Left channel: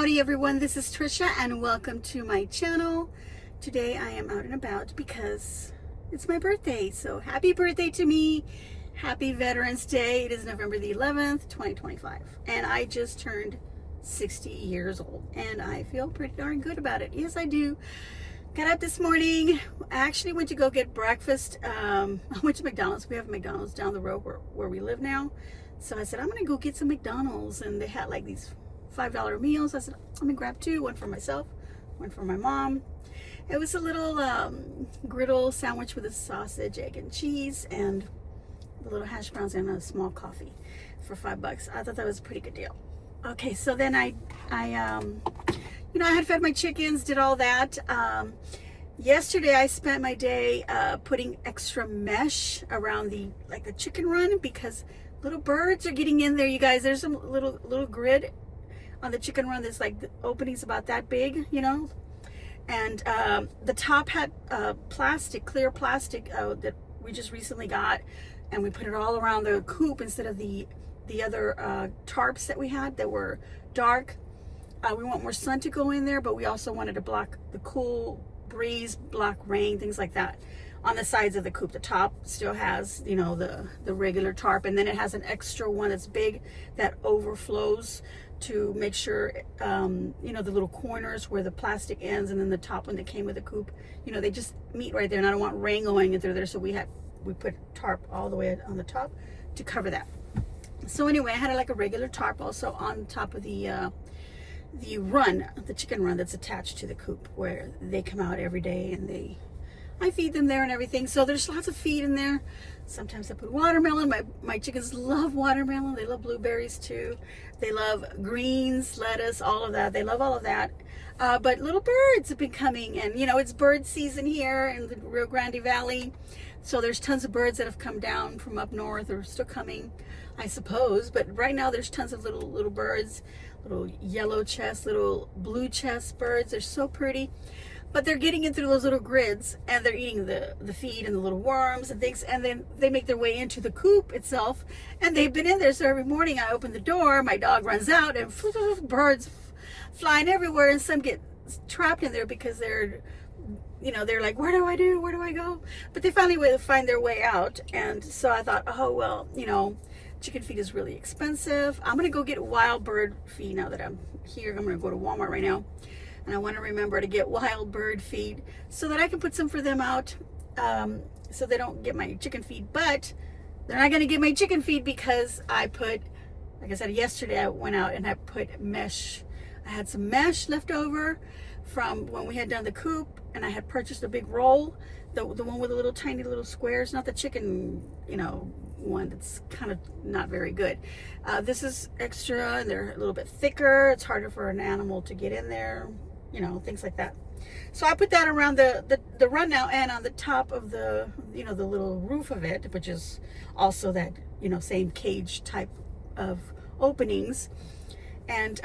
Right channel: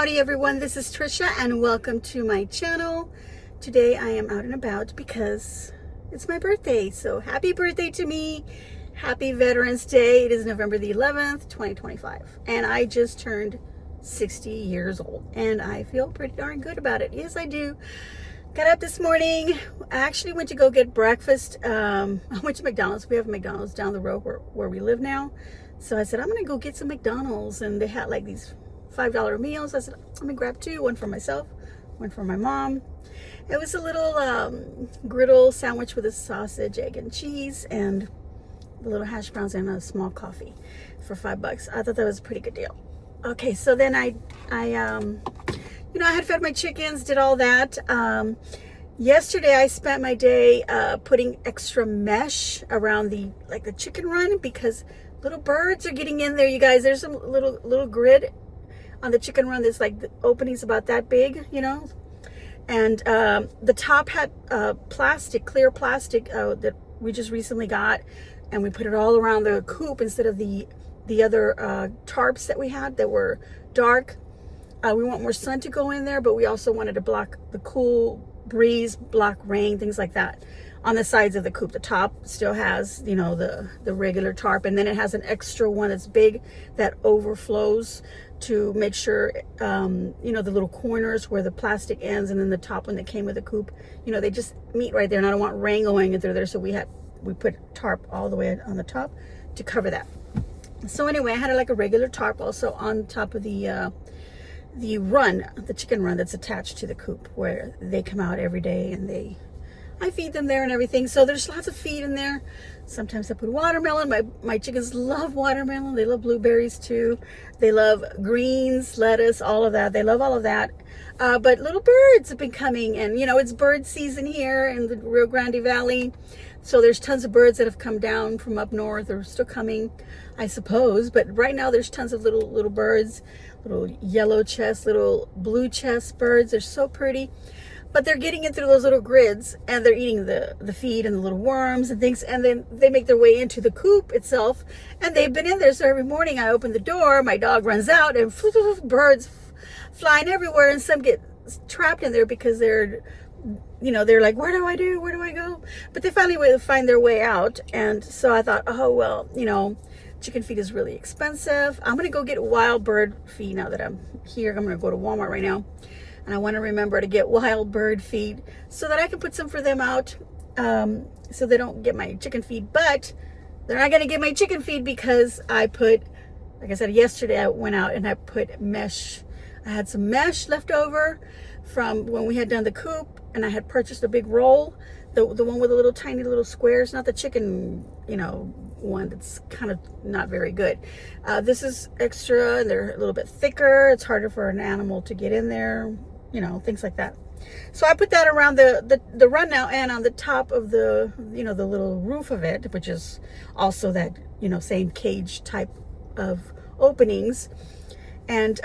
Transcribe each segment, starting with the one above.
Howdy everyone, this is Tricia and welcome to my channel. Today I am out and about because it's my birthday, so happy birthday to me. Happy Veterans Day. It is November the 11th, 2025, and I just turned 60 years old and I feel pretty darn good about it. Yes, I do. Got up this morning. I actually went to go get breakfast. I went to McDonald's. We have a McDonald's down the road where we live now. So I said, I'm going to go get some McDonald's, and they had like these $5 meals. I said, I'm gonna grab two, one for myself, one for my mom. It was a little griddle sandwich with a sausage, egg, and cheese, and a little hash browns and a small coffee for $5. I thought that was a pretty good deal. Okay, so then I had fed my chickens, did all that. Yesterday I spent my day putting extra mesh around the chicken run because little birds are getting in there, you guys. There's some little grid on the chicken run. There's like the openings about that big, and the top had clear plastic that we just recently got, and we put it all around the coop instead of the other tarps that we had that were dark. We want more sun to go in there, but we also wanted to block the cool breeze, block rain, things like that. On the sides of the coop, the top still has the regular tarp, and then it has an extra one that's big that overflows to make sure the little corners where the plastic ends, and then the top one that came with the coop, they just meet right there, and I don't want rain going through there, so we put tarp all the way on the top to cover that. So anyway, I had like a regular tarp also on top of the chicken run that's attached to the coop, where they come out every day and I feed them there and everything. So there's lots of feed in there. Sometimes I put watermelon. My chickens love watermelon. They love blueberries too. They love greens, lettuce, all of that. They love all of that. But little birds have been coming, and it's bird season here in the Rio Grande Valley. So there's tons of birds that have come down from up north, or still coming, I suppose. But right now there's tons of little birds, little yellow chest, little blue chest birds. They're so pretty. But they're getting in through those little grids, and they're eating the feed and the little worms and things, and then they make their way into the coop itself, and they've been in there. So every morning I open the door, my dog runs out, and birds flying everywhere, and some get trapped in there because they're like, where do I go? But they finally find their way out. And so I thought, oh well, chicken feed is really expensive. I'm gonna go get wild bird feed now that I'm here. I'm gonna go to Walmart right now, and I want to remember to get wild bird feed so that I can put some for them out, so they don't get my chicken feed. But they're not going to get my chicken feed because I put, like I said, yesterday I went out and I put mesh. I had some mesh left over from when we had done the coop, and I had purchased a big roll, the one with the little tiny little squares, not the chicken, one that's kind of not very good. This is extra, and they're a little bit thicker. It's harder for an animal to get in there, things like that. So I put that around the run now, and on the top of the the little roof of it, which is also that same cage type of openings, and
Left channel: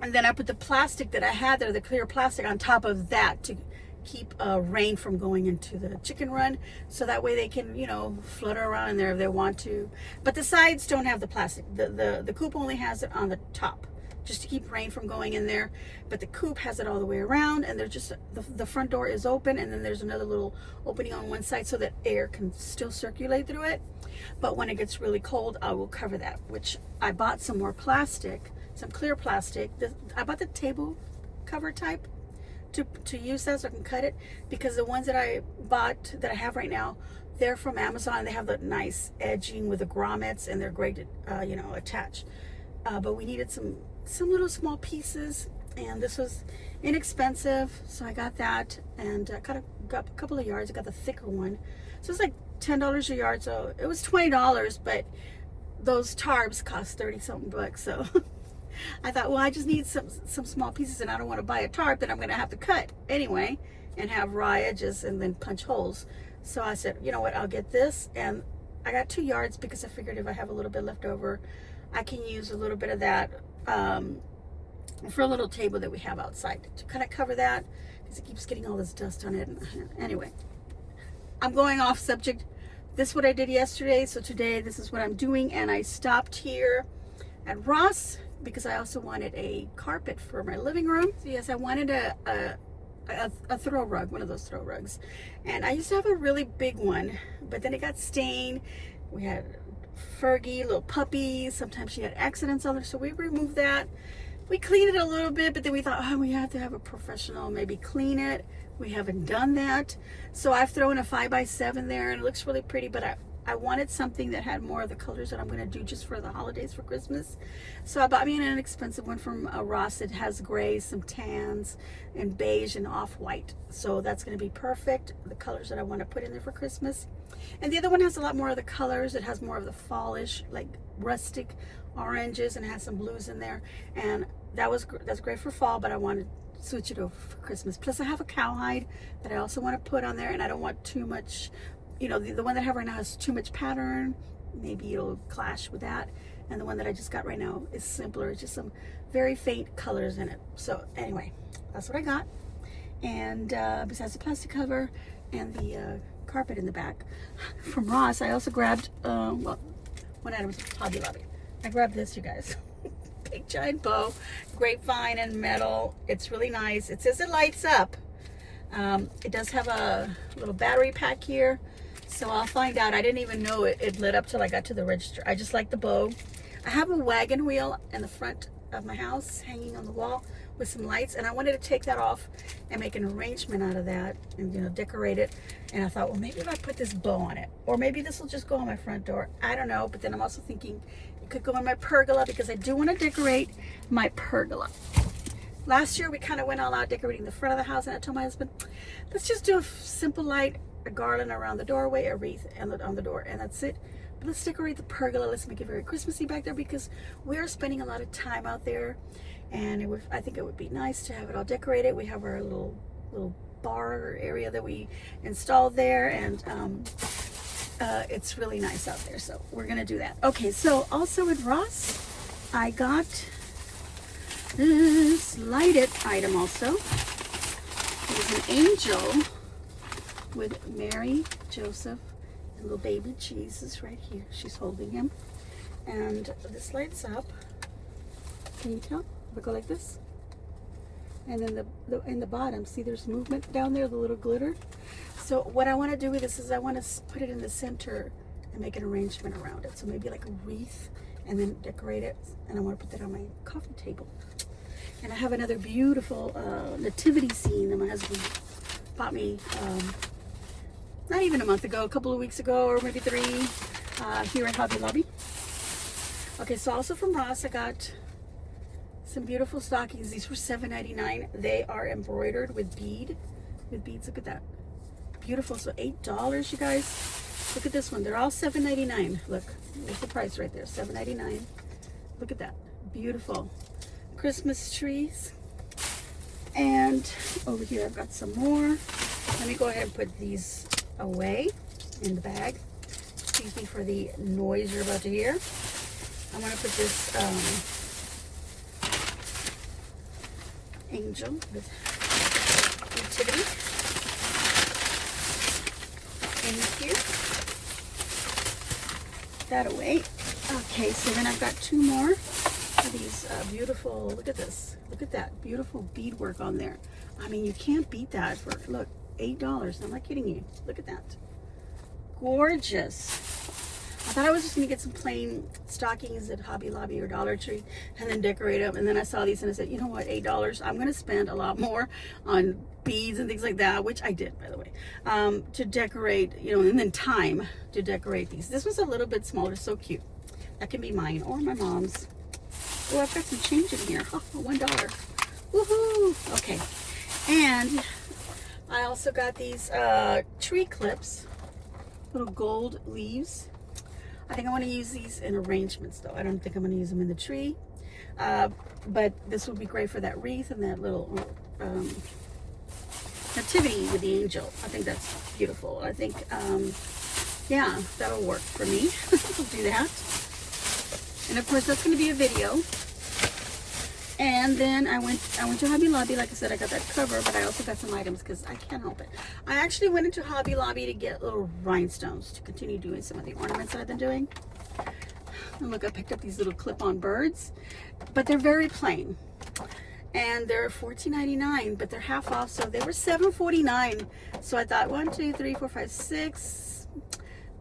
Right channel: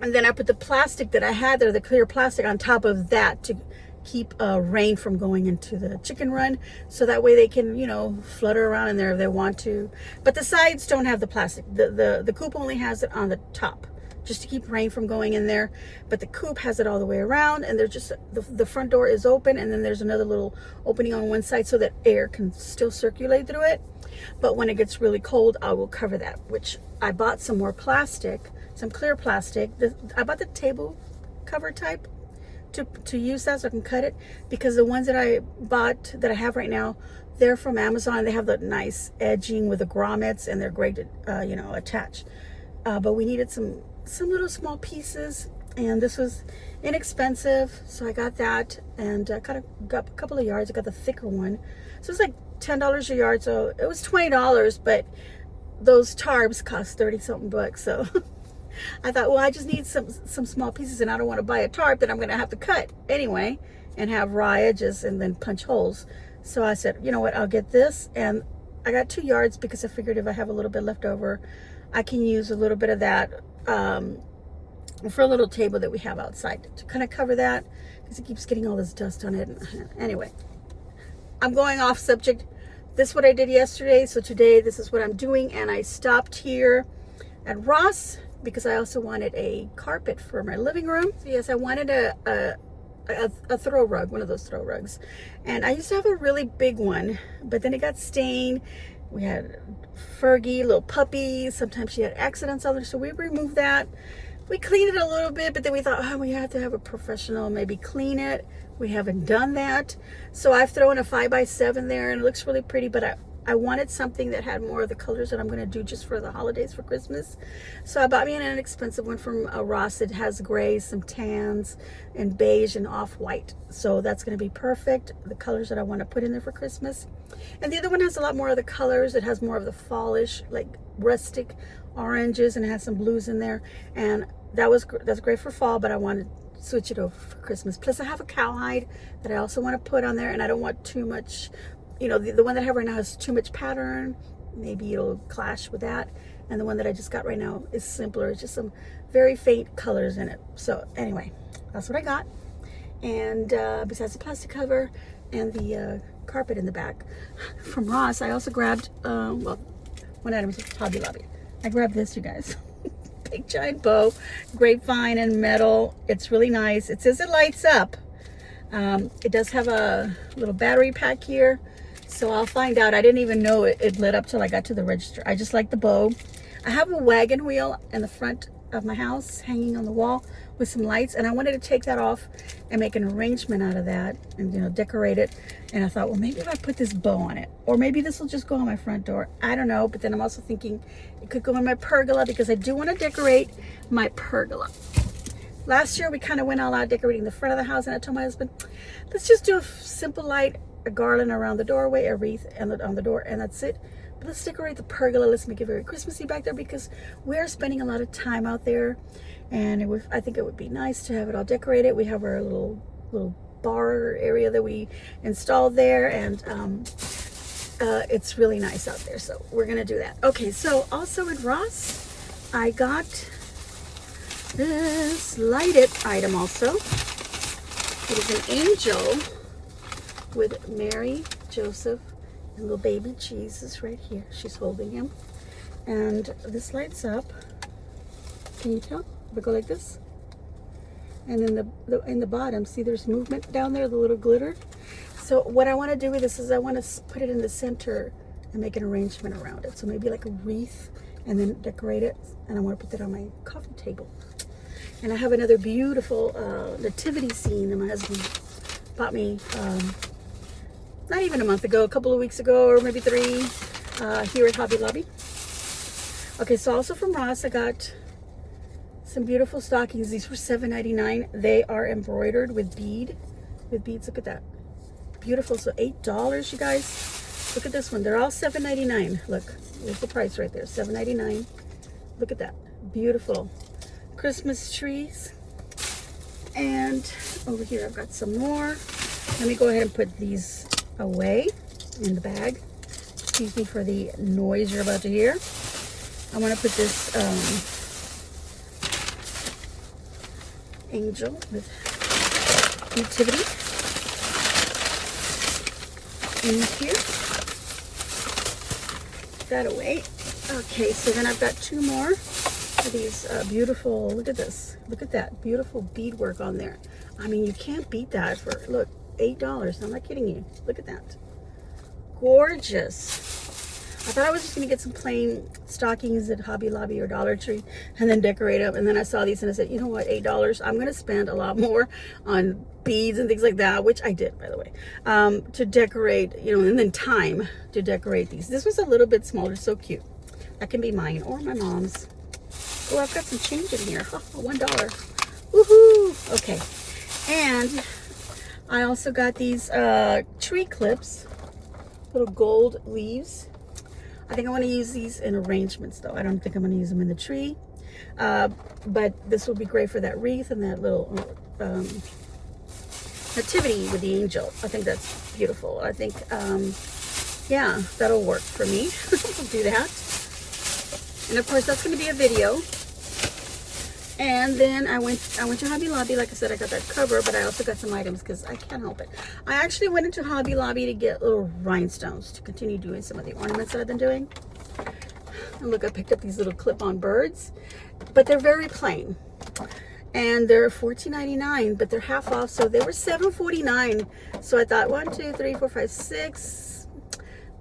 then I put the plastic that I had there, the clear plastic, on top of that to keep rain from going into the chicken run, so that way they can flutter around in there if they want to. But the sides don't have the plastic. The coop only has it on the top, just to keep rain from going in there. But the coop has it all the way around, and there's just the front door is open, and then there's another little opening on one side so that air can still circulate through it. But when it gets really cold, I will cover that, which I bought some more plastic, some clear plastic. I bought the table cover type to use that, so I can cut it, because the ones that I bought that I have right now, they're from Amazon. They have the nice edging with the grommets, and they're great to attach. But we needed some little small pieces, and this was inexpensive, so I got that, and I got a couple of yards. I got the thicker one, so it's like $10 a yard, so it was $20, but those tarps cost 30 something bucks. So I thought, well, I just need some small pieces, and I don't want to buy a tarp that I'm going to have to cut anyway and have raw edges and then punch holes. So I said, you know what, I'll get this, and I got 2 yards because I figured if I have a little bit left over, I can use a little bit of that for a little table that we have outside to kind of cover that, because it keeps getting all this dust on it. Anyway, I'm going off subject. This is what I did yesterday, so today this is what I'm doing, and I stopped here at Ross because I also wanted a carpet for my living room. So yes, I wanted a throw rug, one of those throw rugs. And I used to have a really big one, but then it got stained. We had Fergie, little puppy. Sometimes she had accidents on her, so we removed that. We cleaned it a little bit, but then we thought, oh, we have to have a professional maybe clean it. We haven't done that. So I've thrown a 5x7 there, and it looks really pretty, but I wanted something that had more of the colors that I'm going to do just for the holidays for Christmas. So I bought me an inexpensive one from Ross. It has gray, some tans, and beige and off-white. So that's going to be perfect, the colors that I want to put in there for Christmas. And the other one has a lot more of the colors. It has more of the fallish, like rustic oranges, and it has some blues in there. And that's great for fall, but I wanted to switch it over for Christmas. Plus I have a cowhide that I also want to put on there, and I don't want too much. You know, the one that I have right now has too much pattern. Maybe it'll clash with that. And the one that I just got right now is simpler. It's just some very faint colors in it. So anyway, that's what I got. And besides the plastic cover and the carpet in the back from Ross, I also grabbed, well, one item is Hobby Lobby. I grabbed this, you guys. Big giant bow, grapevine and metal. It's really nice. It says it lights up. It does have a little battery pack here. So I'll find out. I didn't even know it lit up till I got to the register. I just like the bow. I have a wagon wheel in the front of my house hanging on the wall with some lights, and I wanted to take that off and make an arrangement out of that and, you know, decorate it. And I thought, well, maybe if I put this bow on it, or maybe this will just go on my front door. I don't know. But then I'm also thinking it could go on my pergola, because I do want to decorate my pergola. Last year we kind of went all out decorating the front of the house, and I told my husband, let's just do a simple light, a garland around the doorway, a wreath on the door, and that's it. But let's decorate the pergola. Let's make it very Christmassy back there, because we are spending a lot of time out there, and I think it would be nice to have it all decorated. We have our little bar area that we installed there, and it's really nice out there, so we're gonna do that. Okay, so also at Ross I got this lighted item also. It is an angel with Mary, Joseph, and little baby Jesus right here. She's holding him. And this lights up. Can you tell? We go like this. And then in the bottom, see there's movement down there, the little glitter. So what I want to do with this is I want to put it in the center and make an arrangement around it. So maybe like a wreath, and then decorate it. And I want to put that on my coffee table. And I have another beautiful nativity scene that my husband bought me not even a month ago, a couple of weeks ago, or maybe 3, here at Hobby Lobby. Okay, so also from Ross, I got some beautiful stockings. These were $7.99. They are embroidered with beads. Look at that. Beautiful. So $8, you guys. Look at this one. They're all $7.99. Look, there's the price right there, $7.99. Look at that. Beautiful. Christmas trees. And over here I've got some more. Let me go ahead and put these away in the bag. Excuse me for the noise you're about to hear. I want to put this angel with nativity in here. That away. Okay, so then I've got 2 more of these beautiful, look at this, look at that beautiful beadwork on there. I mean, you can't beat that for, look, $8. I'm not kidding you. Look at that. Gorgeous. I thought I was just going to get some plain stockings at Hobby Lobby or Dollar Tree and then decorate them. And then I saw these and I said, you know what, $8. I'm going to spend a lot more on beads and things like that, which I did, by the way, to decorate, you know, and then time to decorate these. This was a little bit smaller, so cute. That can be mine or my mom's. Oh, I've got some change in here. Oh, $1. Woohoo! Okay. And I also got these tree clips, little gold leaves. I think I want to use these in arrangements, though. I don't think I'm going to use them in the tree. But this will be great for that wreath and that little nativity with the angel. I think that's beautiful. I think, yeah, that'll work for me. I'll do that. And of course, that's going to be a video. And then I went to Hobby Lobby. Like I said, I got that cover, but I also got some items because I can't help it. I actually went into Hobby Lobby to get little rhinestones to continue doing some of the ornaments that I've been doing. And look, I picked up these little clip-on birds, but they're very plain. And they're $14.99, but they're half off, so they were $7.49. So I thought 1, 2, 3, 4, 5, 6.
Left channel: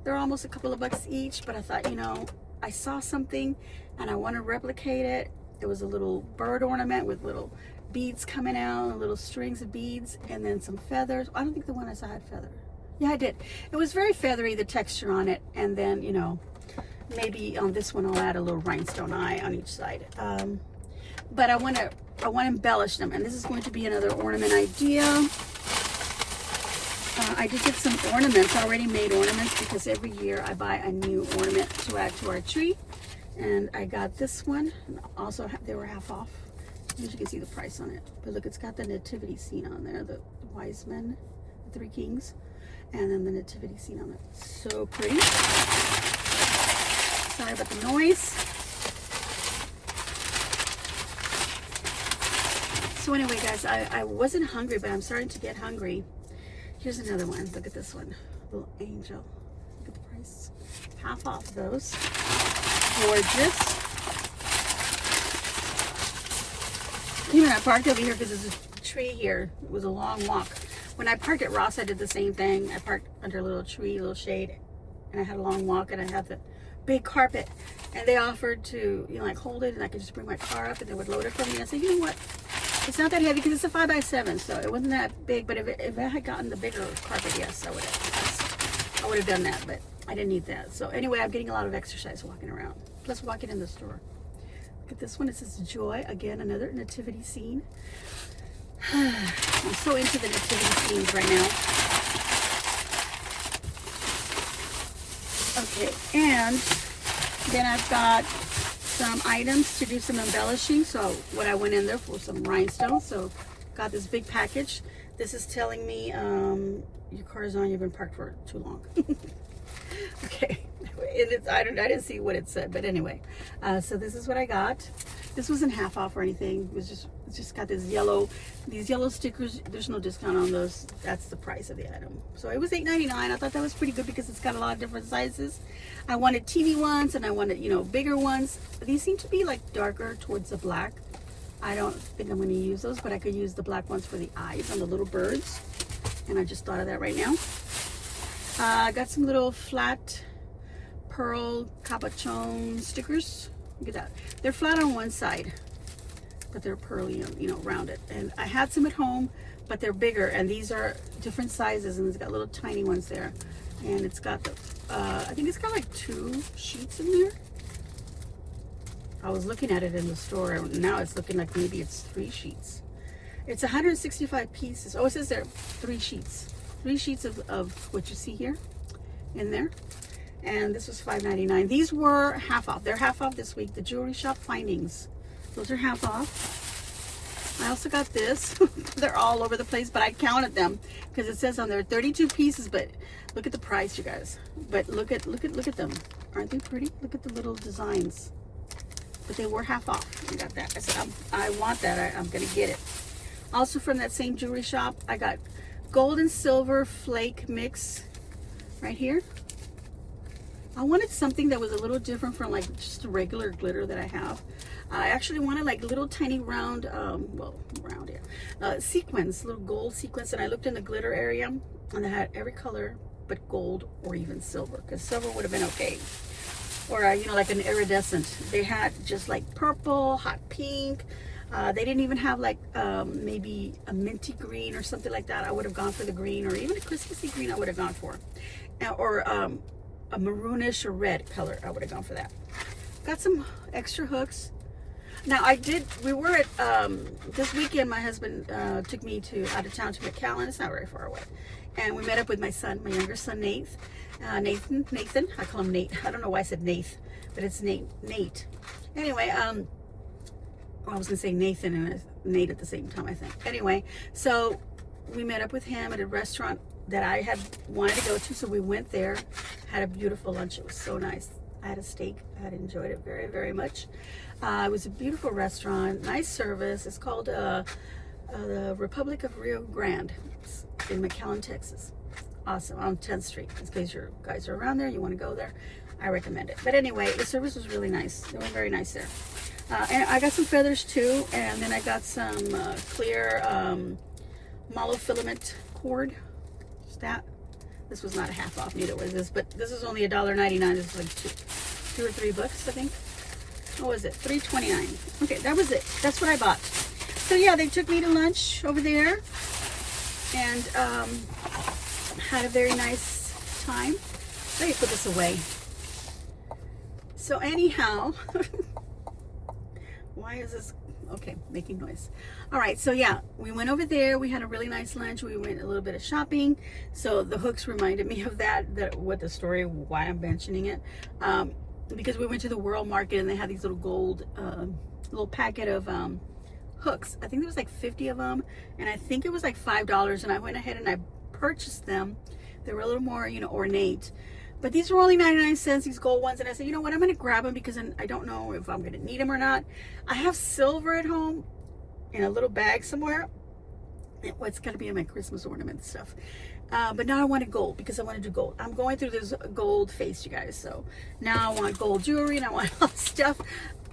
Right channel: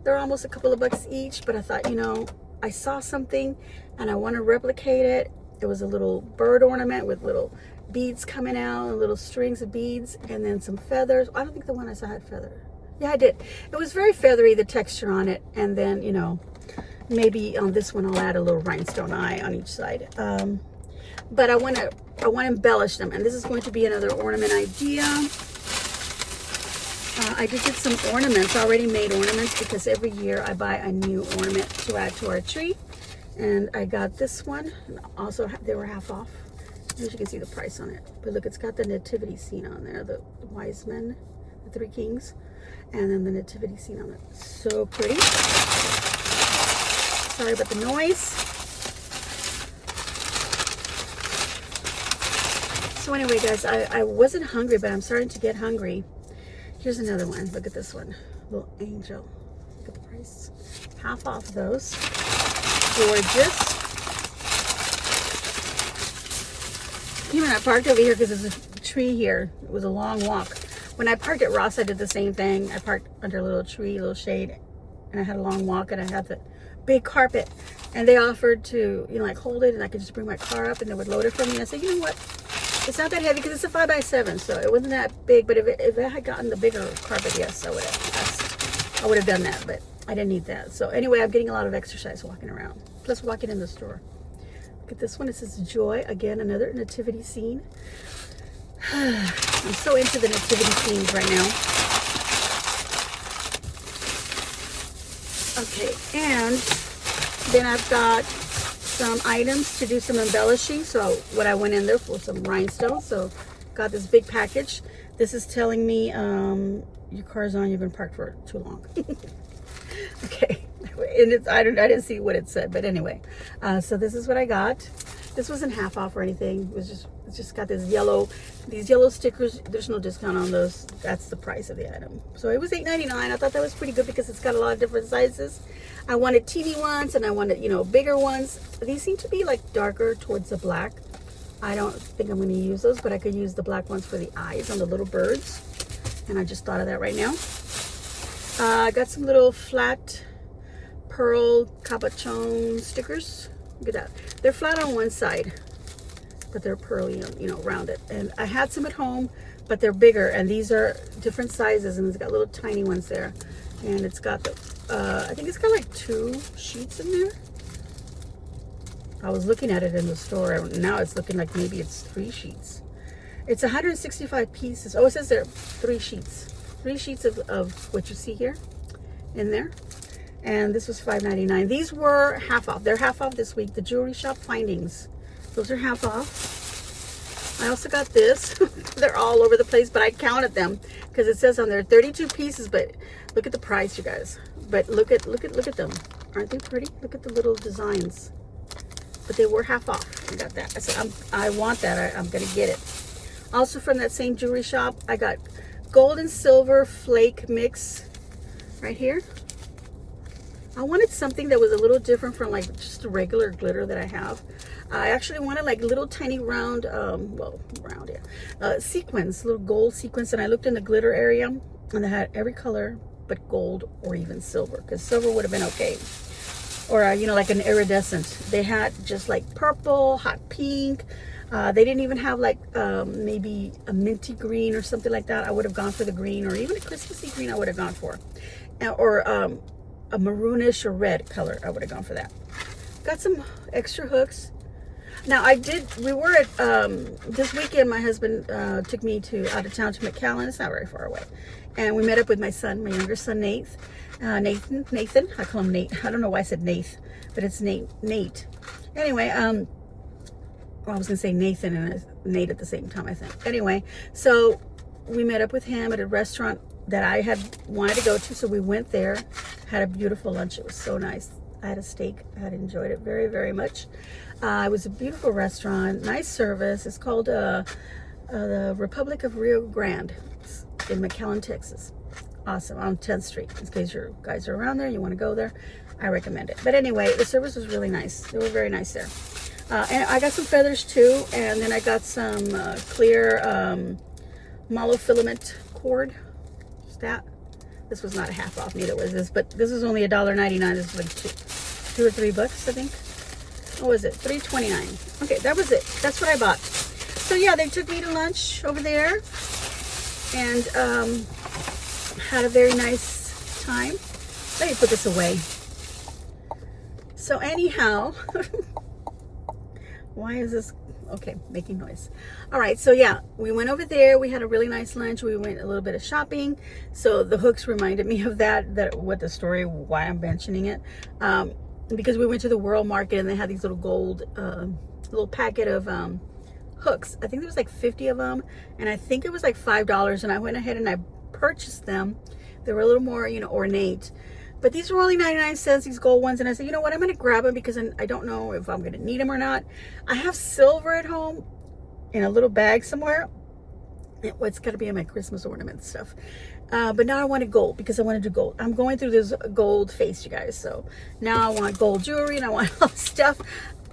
They're almost a couple of bucks each, but I thought, you know, I saw something and I want to replicate it. It was a little bird ornament with little beads coming out, and little strings of beads, and then some feathers. I don't think the one I saw had feather. Yeah, I did. It was very feathery, the texture on it, and then, you know, maybe on this one I'll add a little rhinestone eye on each side. But I want to embellish them, and this is going to be another ornament idea. I did get some ornaments, already made ornaments, because every year I buy a new ornament to add to our tree. And I got this one, and also they were half off. As you can see the price on it. But look, it's got the nativity scene on there, the wise men, the 3 kings, and then the nativity scene on it. So pretty. Sorry about the noise. So anyway, guys, I wasn't hungry, but I'm starting to get hungry. Here's another one. Look at this one. Little angel. Look at the price. Half off those. Gorgeous. Even I parked over here because there's a tree here. It was a long walk. When I parked at Ross, I did the same thing. I parked under a little tree, a little shade, and I had a long walk, and I had the big carpet. And they offered to, you know, like hold it, and I could just bring my car up, and they would load it for me. I said, you know what? It's not that heavy because it's a 5x7, so it wasn't that big. But if I had gotten the bigger carpet, yes, I would have done that. But I didn't need that. So anyway, I'm getting a lot of exercise walking around, plus walking in the store. Look at this one. It says Joy. Again, another nativity scene. I'm so into the nativity scenes right now. Okay, and then I've got some items to do some embellishing. So what I went in there for some rhinestones. So got this big package. This is telling me your car's on, you've been parked for too long. Okay, and I didn't see what it said, but anyway, so this is what I got. This wasn't half off or anything. It's just got these yellow stickers. There's no discount on those. That's the price of the item. So it was $8.99. I thought that was pretty good because it's got a lot of different sizes. I wanted teeny ones and I wanted, you know, bigger ones. These seem to be like darker towards the black. I don't think I'm going to use those, but I could use the black ones for the eyes on the little birds. And I just thought of that right now. I got some little flat pearl capuchon stickers. Look at that. They're flat on one side, but they're pearly, you know, rounded. And I had some at home, but they're bigger. And these are different sizes, and it's got little tiny ones there. And it's got the, I think it's got like 2 sheets in there. I was looking at it in the store, and now it's looking like maybe it's 3 sheets. It's 165 pieces. Oh, it says there 3 sheets. 3 sheets of what you see here in there. And this was $5.99. These were half off. They're half off this week. The jewelry shop findings. Those are half off. I also got this. They're all over the place, but I counted them because it says on there 32 pieces. But look at the price, you guys. But look at them. Aren't they pretty? Look at the little designs. But they were half off. I got that. I said I want that. I'm gonna get it. Also from that same jewelry shop, I got gold and silver flake mix right here. I wanted something that was a little different from like just a regular glitter that I have. I actually wanted like little tiny round, sequins, little gold sequins. And I looked in the glitter area and they had every color but gold or even silver, because silver would have been okay. Or, you know, like an iridescent. They had just like purple, hot pink. They didn't even have like maybe a minty green or something like that. I would have gone for the green, or even a Christmassy green I would have gone for. Or a maroonish or red color, I would have gone for that. Got some extra hooks. Now we were at, this weekend my husband took me out of town to McAllen. It's not very far away. And we met up with my son, my younger son, Nathan. I call him Nate. I don't know why I said Nath, but it's Nate. Anyway, well, I was gonna say Nathan and Nate at the same time, I think. Anyway, so we met up with him at a restaurant that I had wanted to go to, so we went there, had a beautiful lunch. It was so nice. I had a steak. I had enjoyed it very, very much. It was a beautiful restaurant, nice service. It's called the Republic of Rio Grande in McAllen, Texas. Awesome, on 10th Street. In case you guys are around there, you want to go there, I recommend it. But anyway, the service was really nice. They were very nice there. And I got some feathers too, and then I got some clear monofilament cord. That this was not a half off, neither was this, but this is only $1.99. This is like two or $3, I think. What was it? $3.29. Okay, that was it. That's what I bought. So yeah, they took me to lunch over there, and had a very nice time. Let me put this away. So anyhow, why is this okay making noise? All right, so yeah, we went over there. We had a really nice lunch. We went a little bit of shopping. So the hooks reminded me of that what the story, why I'm mentioning it, because we went to the World Market and they had these little gold little packet of hooks. I think there was like 50 of them, and I think it was like $5, and I went ahead and I purchased them. They were a little more, you know, ornate, but these were only 99 cents, these gold ones. And I said, you know what, I'm going to grab them because I don't know if I'm going to need them or not. I have silver at home in a little bag somewhere. It's got to be in my Christmas ornament stuff. But now I wanted gold because I want to do gold. I'm going through this gold phase, you guys. So now I want gold jewelry and I want all this stuff.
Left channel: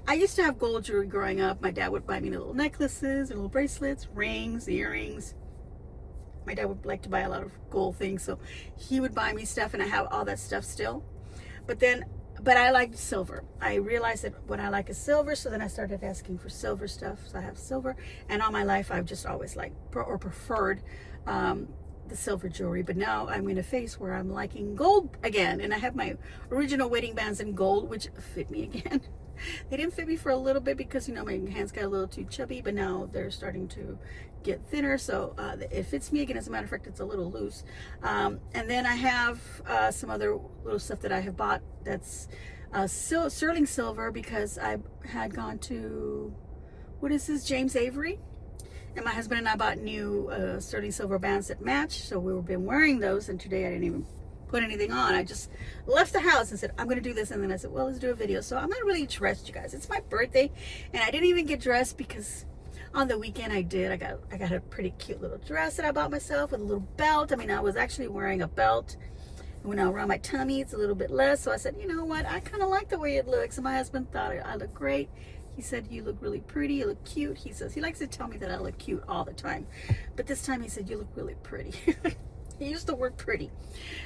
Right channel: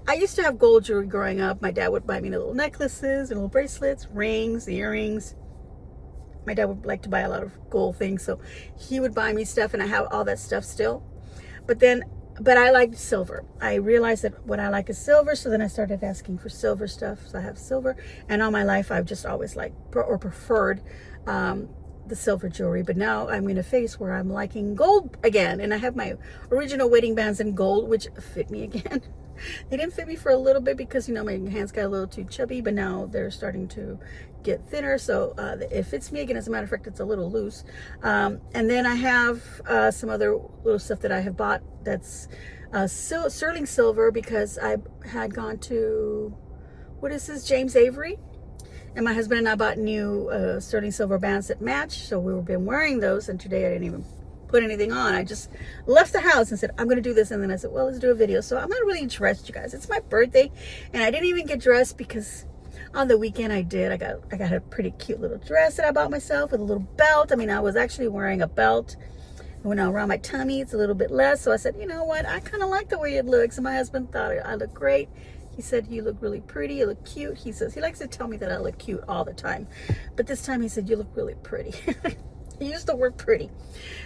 I used to have gold jewelry growing up. My dad would buy me little necklaces and little bracelets, rings, earrings. My dad would like to buy a lot of gold things, so he would buy me stuff, and I have all that stuff still. But I like silver. I realized that what I like is silver, so then I started asking for silver stuff. So I have silver, and all my life I've just always liked or preferred the silver jewelry. But now I'm in a phase where I'm liking gold again, and I have my original wedding bands in gold, which fit me again. They didn't fit me for a little bit because, you know, my hands got a little too chubby, but now they're starting to get thinner, so it fits me again. As a matter of fact, it's a little loose. And then I have some other little stuff that I have bought that's sterling silver, because I had gone to, what is this, James Avery, and my husband and I bought new sterling silver bands that match, so we've been wearing those, and today I didn't even put anything on. I just left the house and said, I'm going to do this, and then I said, well, let's do a video. So I'm not really dressed, you guys. It's my birthday, and I didn't even get dressed because on the weekend I got a pretty cute little dress that I bought myself with a little belt. I mean, I was actually wearing a belt, and when I around my tummy, it's a little bit less. So I said, you know what? I kind of like the way it looks. And my husband thought I looked great. He said, you look really pretty. You look cute. He says, he likes to tell me that I look cute all the time, but this time he said, you look really pretty. He used the word pretty.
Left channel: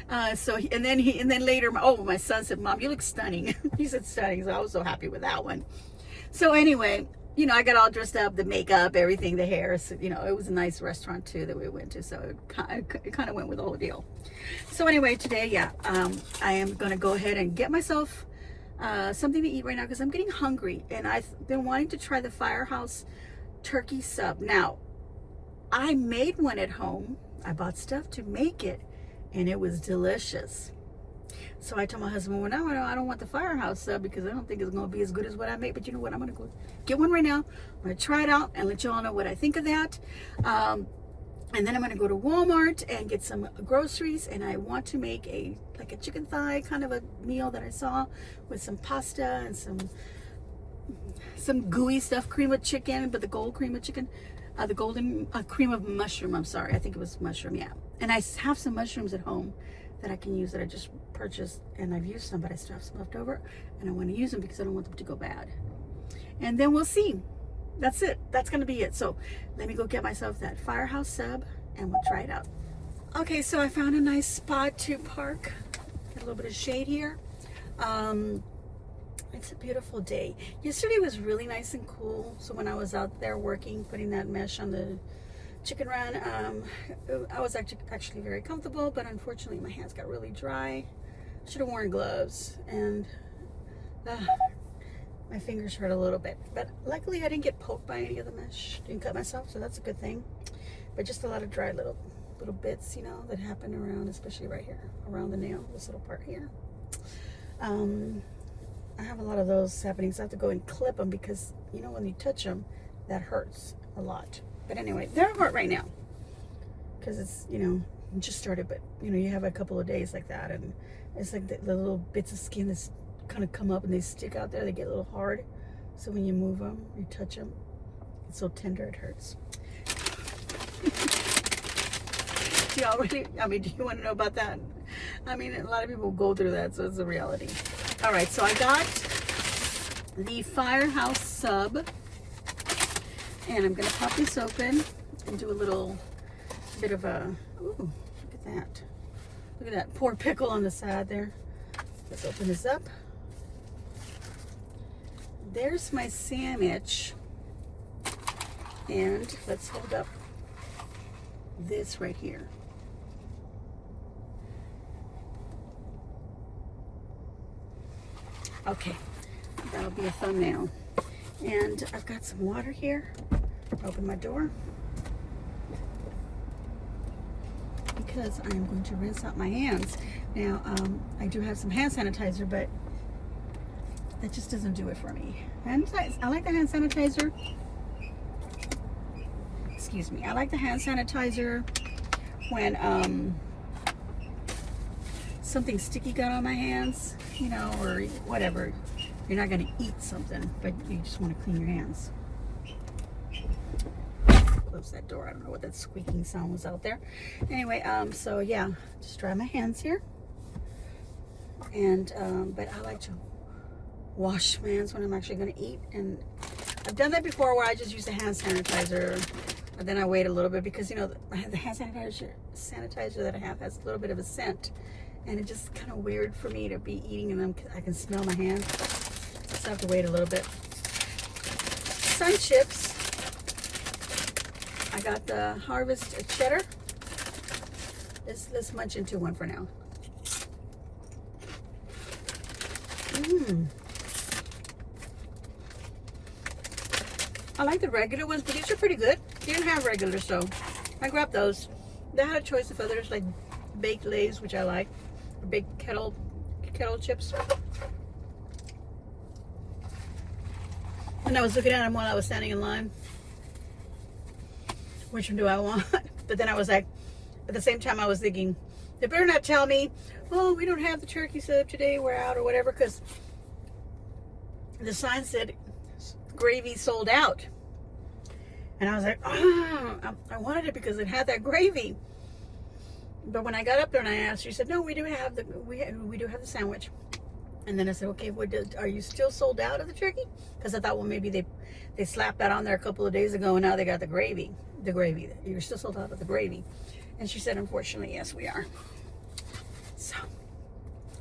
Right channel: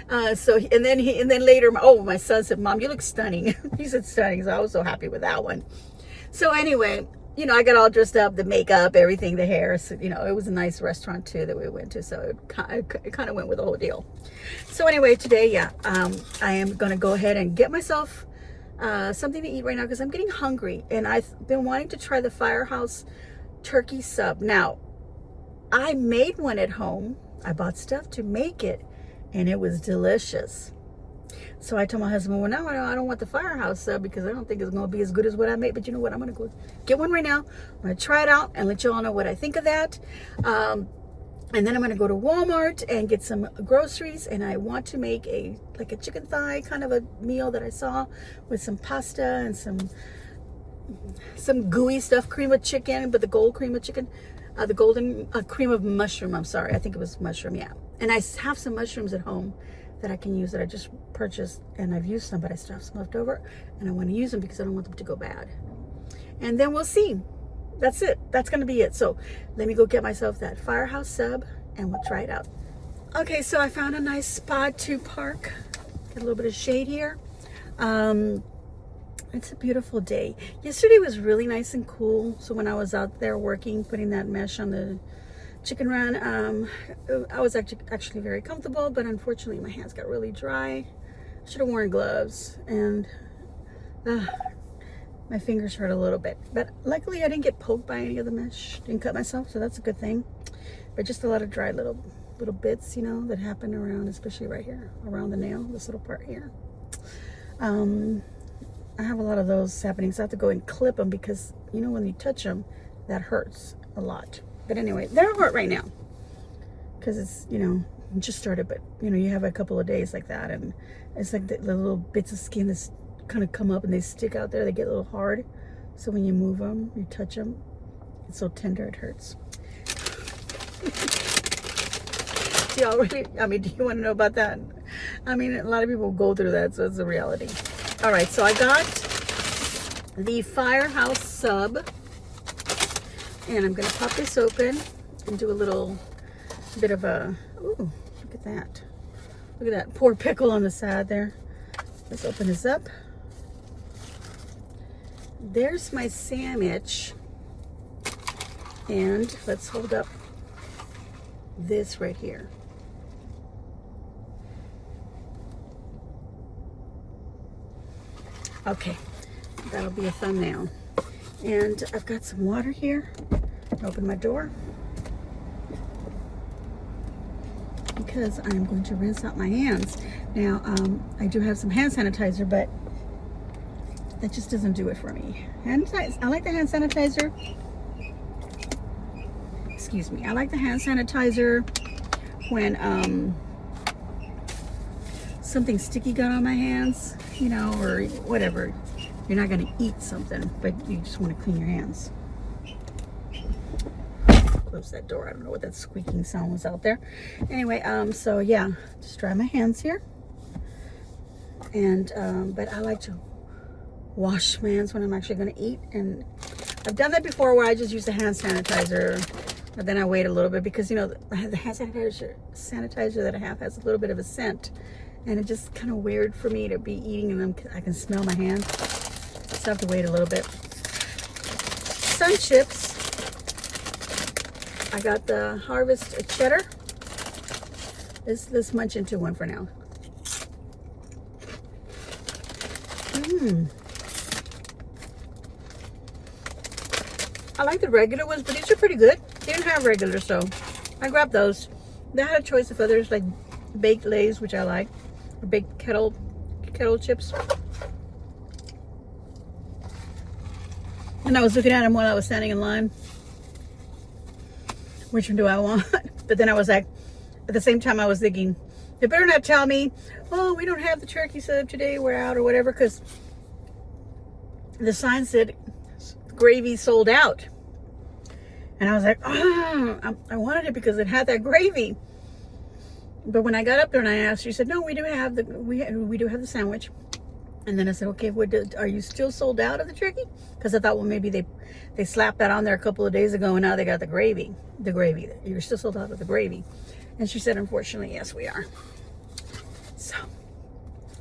And then later, my son said, Mom, you look stunning. He said stunning. So I was so happy with that one. So anyway, you know, I got all dressed up, the makeup, everything, the hair. So, you know, it was a nice restaurant too that we went to. So it kind of went with the whole deal. So anyway, today, yeah, I am going to go ahead and get myself something to eat right now because I'm getting hungry. And I've been wanting to try the Firehouse turkey sub. Now, I made one at home. I bought stuff to make it, and it was delicious. So I told my husband, well, no, I don't want the Firehouse sub because I don't think it's going to be as good as what I made. But you know what? I'm going to go get one right now. I'm going to try it out and let you all know what I think of that. And then I'm going to go to Walmart and get some groceries. And I want to make a chicken thigh kind of a meal that I saw with some pasta and some gooey stuff, cream of chicken, but the gold cream of chicken. The golden cream of mushroom, I'm sorry. I think it was mushroom, yeah. And I have some mushrooms at home that I can use that I just purchased, and I've used some, but I still have some left over, and I want to use them because I don't want them to go bad. And then we'll see. That's it. That's going to be it. So let me go get myself that Firehouse sub, and we'll try it out. Okay, so I found a nice spot to park. Get a little bit of shade here. It's a beautiful day. Yesterday was really nice and cool. So when I was out there working, putting that mesh on the chicken run, I was actually very comfortable, but unfortunately my hands got really dry. I should have worn gloves, and my fingers hurt a little bit. But luckily I didn't get poked by any of the mesh. Didn't cut myself, so that's a good thing. But just a lot of dry little bits, you know, that happen around, especially right here, around the nail, this little part here. I have a lot of those happening, so I have to go and clip them because, you know, when you touch them, that hurts a lot. But anyway, they're hurt right now because it's, you know, just started, but, you know, you have a couple of days like that, and it's like the little bits of skin that's kind of come up and they stick out there. They get a little hard. So when you move them, you touch them, it's so tender it hurts. Do y'all really, I mean, do you want to know about that? I mean, a lot of people go through that, so it's a reality. All right, so I got the Firehouse sub, and I'm gonna pop this open and do a little bit of a, ooh, look at that. Look at that poor pickle on the side there. Let's open this up. There's my sandwich. And let's hold up this right here. Okay, that'll be a thumbnail. And I've got some water here. Open my door, because I'm going to rinse out my hands. Now, I do have some hand sanitizer, but that just doesn't do it for me. I like the hand sanitizer. Excuse me. I like the hand sanitizer when something sticky got on my hands, you know, or whatever. You're not going to eat something, but you just want to clean your hands. Close that door. I don't know what that squeaking sound was out there. Anyway, so yeah, just dry my hands here. And but I like to wash my hands when I'm actually going to eat. And I've done that before where I just use the hand sanitizer, but then I wait a little bit because, you know, the hand sanitizer that I have has a little bit of a scent, and it's just kind of weird for me to be eating and I can smell my hands. So I have to wait a little bit. Sun chips. I got the Harvest cheddar. Let's munch into one for now. I like the regular ones, but these are pretty good. They didn't have regular, so I grabbed those. They had a choice of others like baked Lays, which I like, or baked kettle chips. And I was looking at them while I was standing in line. Which one do I want? But then I was like, at the same time I was thinking, they better not tell me, oh, we don't have the turkey sub today, we're out or whatever, because the sign said gravy sold out. And I was like, oh, I wanted it because it had that gravy. But when I got up there and I asked, she said, no, we do have the sandwich. And then I said, okay, are you still sold out of the turkey? Because I thought, well, maybe they slapped that on there a couple of days ago and now they got the gravy. You're still sold out of the gravy. And she said, unfortunately, yes, we are. So,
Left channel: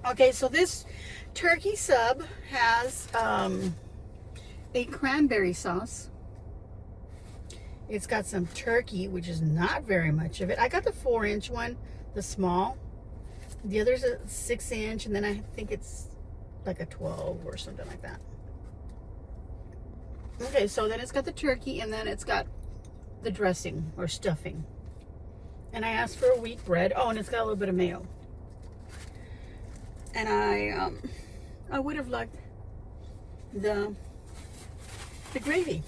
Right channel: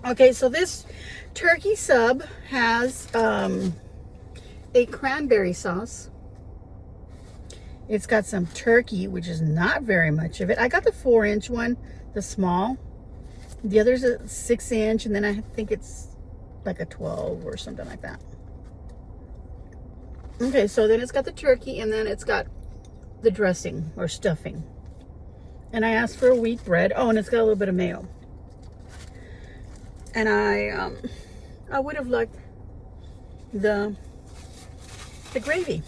okay, so this turkey sub has a cranberry sauce. It's got some turkey, which is not very much of it. I got the 4-inch one, the small. The other's a 6-inch, and then I think it's like a 12 or something like that. Okay, so then it's got the turkey, and then it's got the dressing or stuffing. And I asked for a wheat bread. Oh, and it's got a little bit of mayo. And I would have liked the gravy.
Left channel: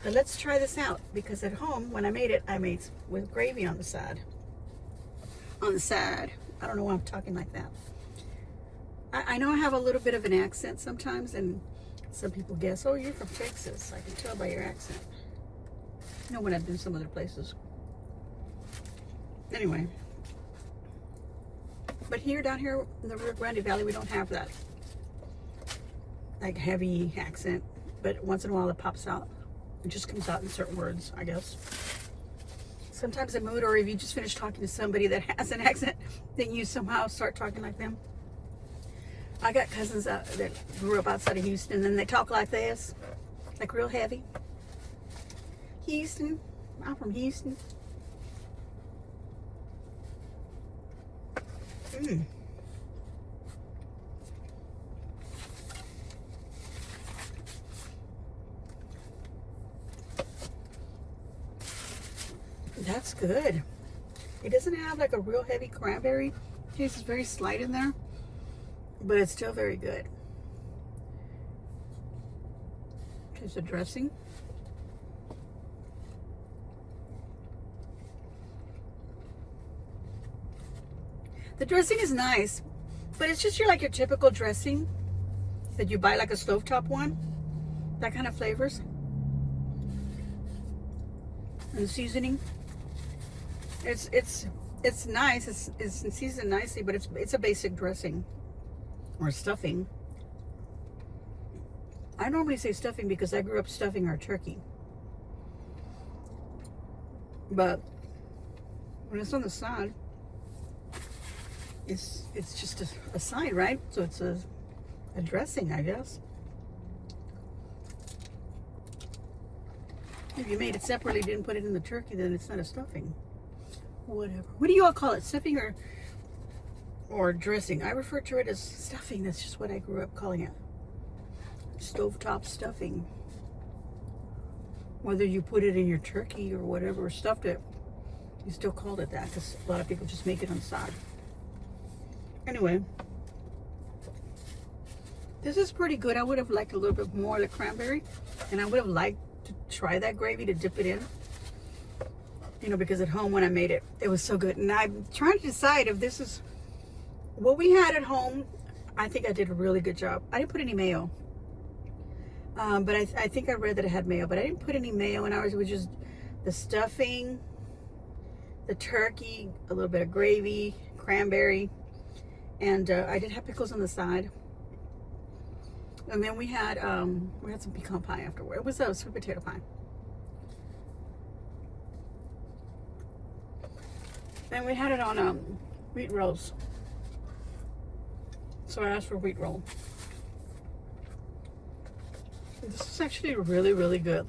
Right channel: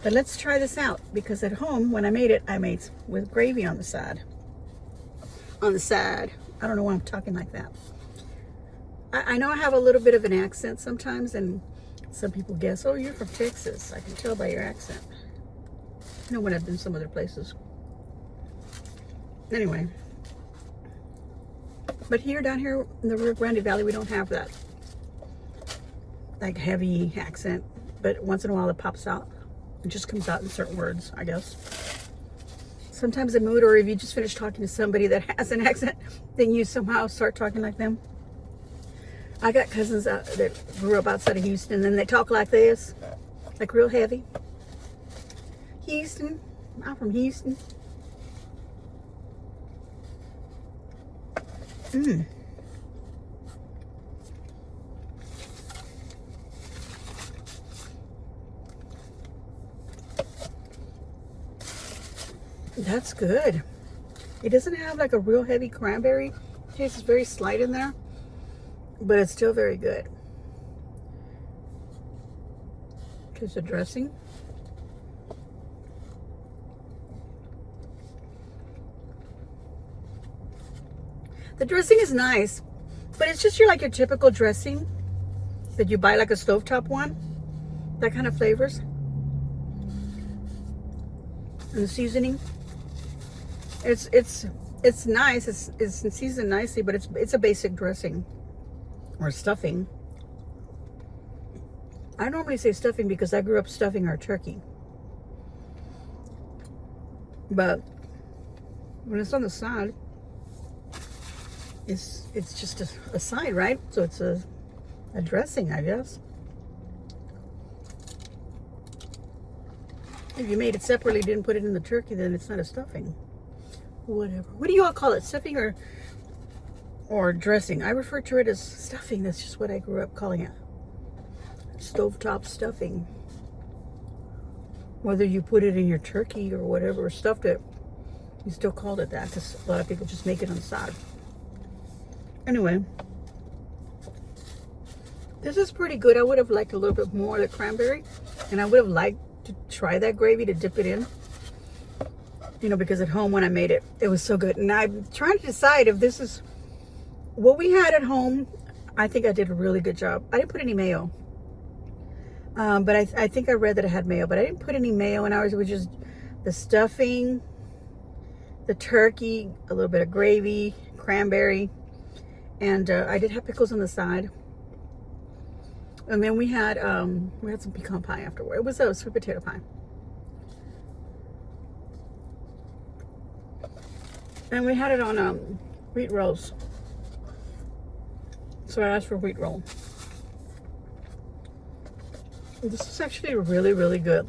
But let's try this out, because at home, when I made it, I made with gravy on the side. On the side. I don't know why I'm talking like that. I know I have a little bit of an accent sometimes, and some people guess, oh, you're from Texas. I can tell by your accent. You know, when I've been some other places. Anyway. But here, down here in the Rio Grande Valley, we don't have that like heavy accent. But once in a while it pops out. It just comes out in certain words, I guess. Sometimes a mood, or if you just finish talking to somebody that has an accent, then you somehow start talking like them. I got cousins that grew up outside of Houston, and they talk like this, like real heavy. Houston, I'm from Houston. That's good. It doesn't have like a real heavy cranberry taste. It's very slight in there, but it's still very good. Here's the dressing. The dressing is nice, but it's just your typical dressing that you buy, like a stovetop one. That kind of flavors. And the seasoning. It's nice. It's seasoned nicely, but it's a basic dressing or stuffing. I normally say stuffing because I grew up stuffing our turkey. But when it's on the side, it's just a side, right? So it's a dressing, I guess. If you made it separately, didn't put it in the turkey, then it's not a stuffing. Whatever. What do you all call it? Stuffing or dressing? I refer to it as stuffing. That's just what I grew up calling it. Stovetop stuffing. Whether you put it in your turkey or whatever, or stuffed it, you still called it that because a lot of people just make it on the side. Anyway, this is pretty good. I would have liked a little bit more of the cranberry, and I would have liked to try that gravy to dip it in. You know, because at home when I made it, it was so good. And I'm trying to decide if this is what we had at home. I think I did a really good job. I didn't put any mayo. But I think I read that it had mayo, but I didn't put any mayo in ours. It was just the stuffing, the turkey, a little bit of gravy, cranberry, and I did have pickles on the side. And then we had some pecan pie afterward. It was a sweet potato pie. And we had it on wheat rolls. So I asked for wheat roll. This is actually really, really good.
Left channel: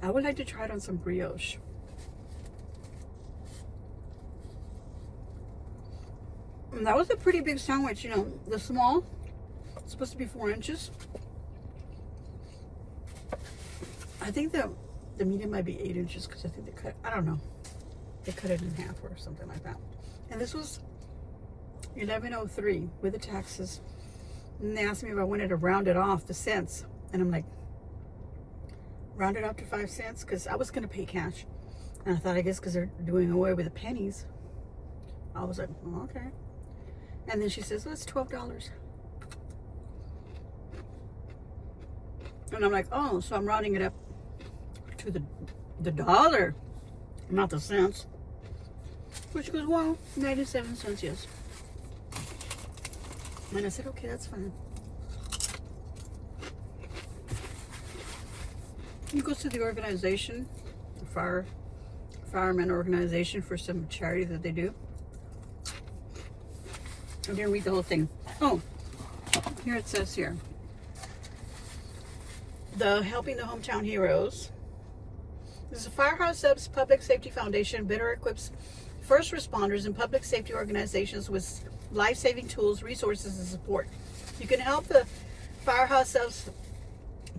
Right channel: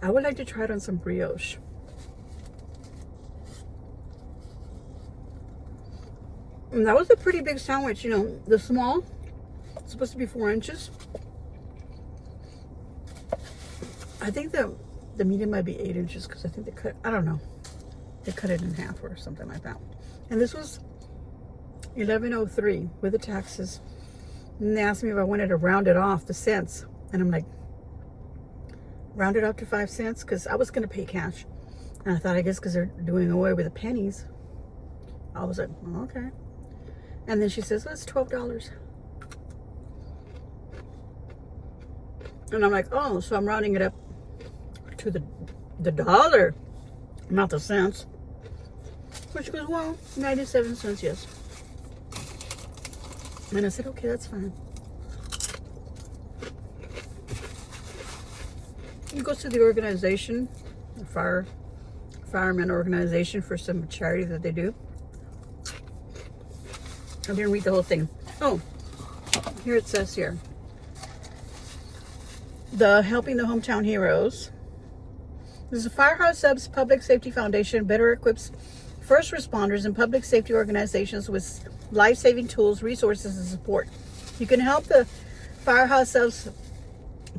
I would like to try it on some brioche. And that was a pretty big sandwich, you know, the small, it's supposed to be 4 inches. I think the medium might be 8 inches because I think they cut, I don't know, they cut it in half or something like that. And this was $11.03 with the taxes. And they asked me if I wanted to round it off the cents. And I'm like, round it up to 5 cents because I was going to pay cash. And I thought, I guess because they're doing away with the pennies. I was like, oh, okay. And then she says, well, it's $12. And I'm like, oh, so I'm rounding it up to the dollar, not the cents. Which goes, well, 97 cents, yes. And I said, okay, that's fine. He goes to the organization, the fireman organization, for some charity that they do. I didn't read the whole thing. Oh, here it says here. The Helping the Hometown Heroes. This is a Firehouse Subs Public Safety Foundation better equips first responders and public safety organizations with life-saving tools, resources, and support. You can help the Firehouse Subs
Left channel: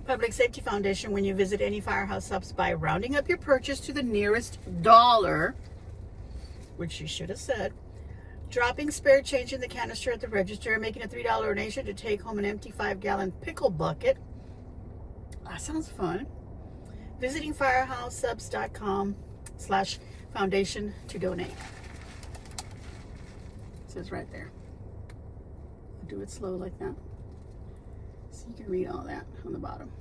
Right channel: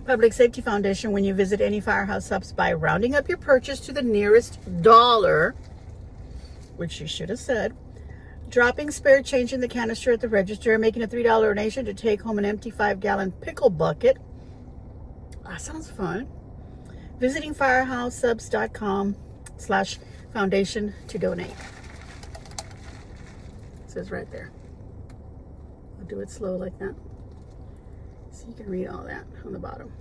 Public Safety Foundation when you visit any Firehouse Subs by rounding up your purchase to the nearest dollar, which you should have said, dropping spare change in the canister at the register, making a $3 donation to take home an empty 5-gallon pickle bucket. That sounds fun. Visiting firehousesubs.com/foundation to donate. It says right there. I'll do it slow like that, so you can read all that on the bottom.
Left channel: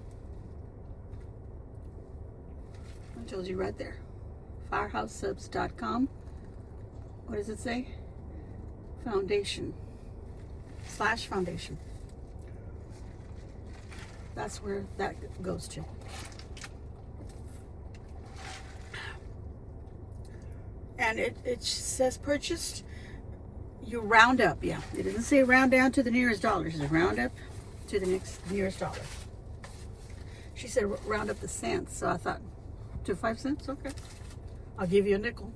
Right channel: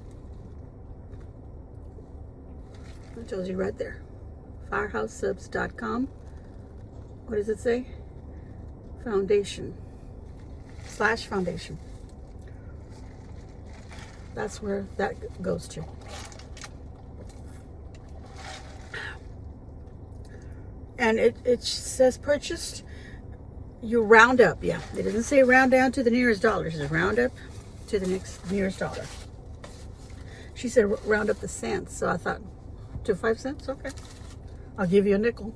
It tells you right there. Firehousesubs.com. What does it say? Foundation/foundation. That's where that goes to. And it says purchased. You round up, yeah. It doesn't say round down to the nearest dollar. It says round up to the nearest dollar. She said round up the cents, so I thought to 5 cents. Okay, I'll give you a nickel.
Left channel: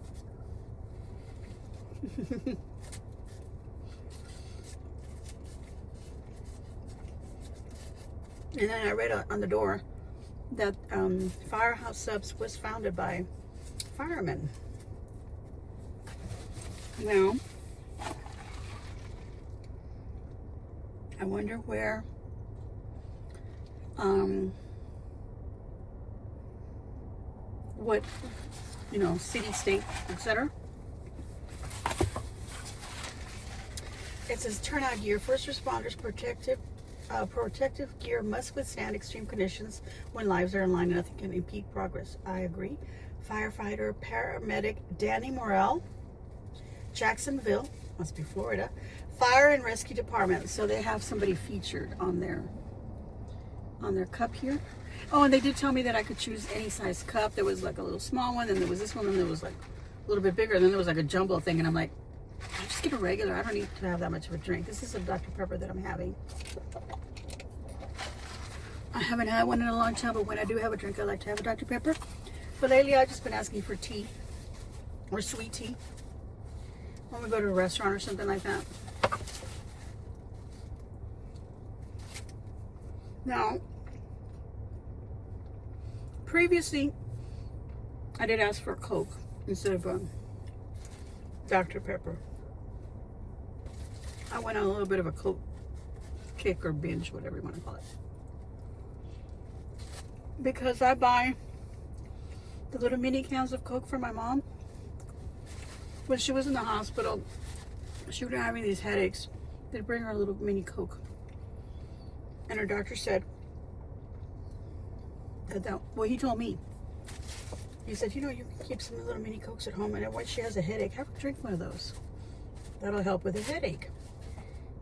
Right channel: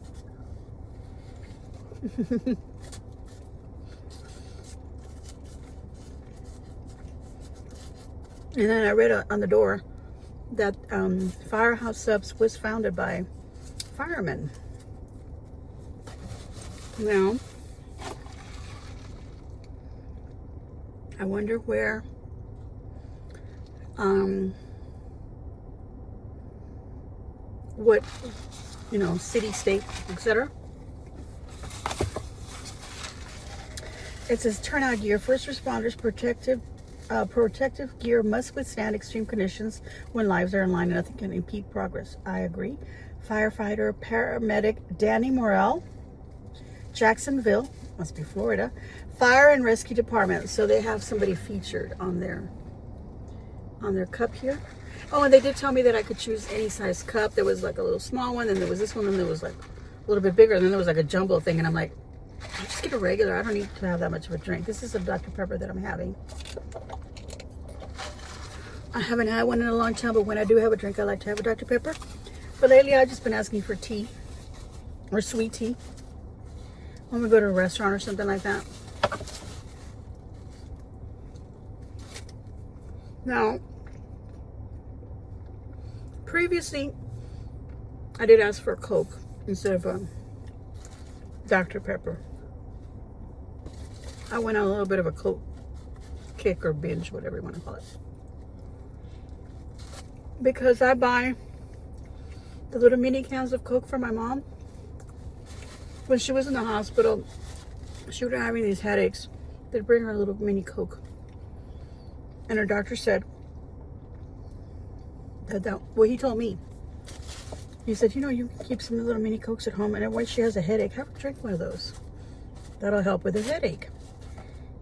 And then I read on the door that Firehouse Subs was founded by firemen. Now, I wonder where what, you know, city, state, etc. It says turnout gear. First responders protective gear must withstand extreme conditions when lives are in line and nothing can impede progress. I agree. firefighter paramedic Danny Morrell, Jacksonville, must be Florida, Fire and Rescue Department. So they have somebody featured on their cup here. Oh, and they did tell me that I could choose any size cup. There was like a little small one, and there was this one, and there was like a little bit bigger, and then there was like a jumbo thing, and I'm like, I'll just get a regular. I don't need to have that much of a drink. This is a Dr. Pepper that I'm having. I haven't had one in a long time, but when I do have a drink, I like to have a Dr. Pepper. But lately, I've just been asking for tea or sweet tea when we go to a restaurant or something like that. Now, previously, I did ask for a Coke instead of a Dr. Pepper. I went on a little bit of a Coke kick or binge, whatever you want to call it. Because I buy the little mini cans of Coke for my mom. When she was in the hospital, she was having these headaches. They'd bring her a little mini Coke. And her doctor said, well, he told me. He said, you know, you keep some little mini Cokes at home, and when she has a headache, have her drink one of those. That'll help with the headache.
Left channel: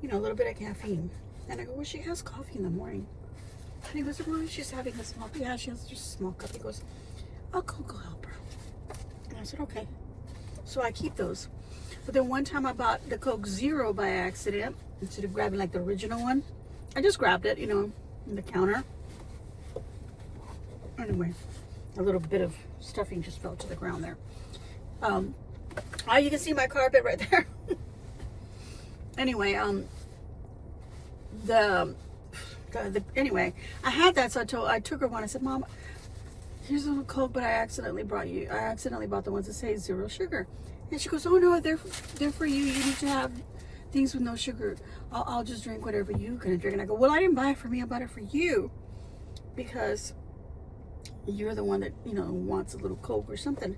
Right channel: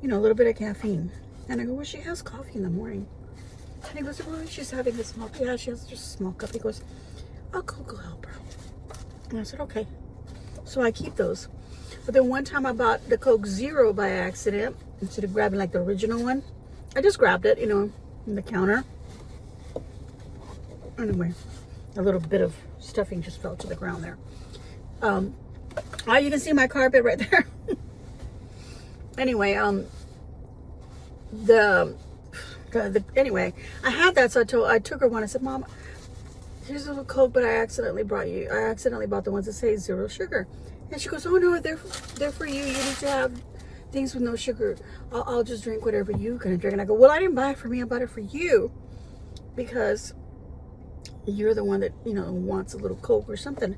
You know, a little bit of caffeine. And I go, well, she has coffee in the morning. And he goes, well, she's having a small, yeah, she has just a small cup. He goes, oh, Coke will help her. And I said, okay. So I keep those. But then one time I bought the Coke Zero by accident, instead of grabbing like the original one. I just grabbed it, you know, on the counter. Anyway, a little bit of stuffing just fell to the ground there. Oh, you can see my carpet right there. Anyway, anyway, I had that, so I took her one. I said, Mom, here's a little Coke, but I accidentally bought the ones that say zero sugar. And she goes, oh no, they're for you. You need to have things with no sugar. I'll just drink whatever you can drink. And I go, well, I didn't buy it for me. I bought it for you because you're the one that, you know, wants a little Coke or something.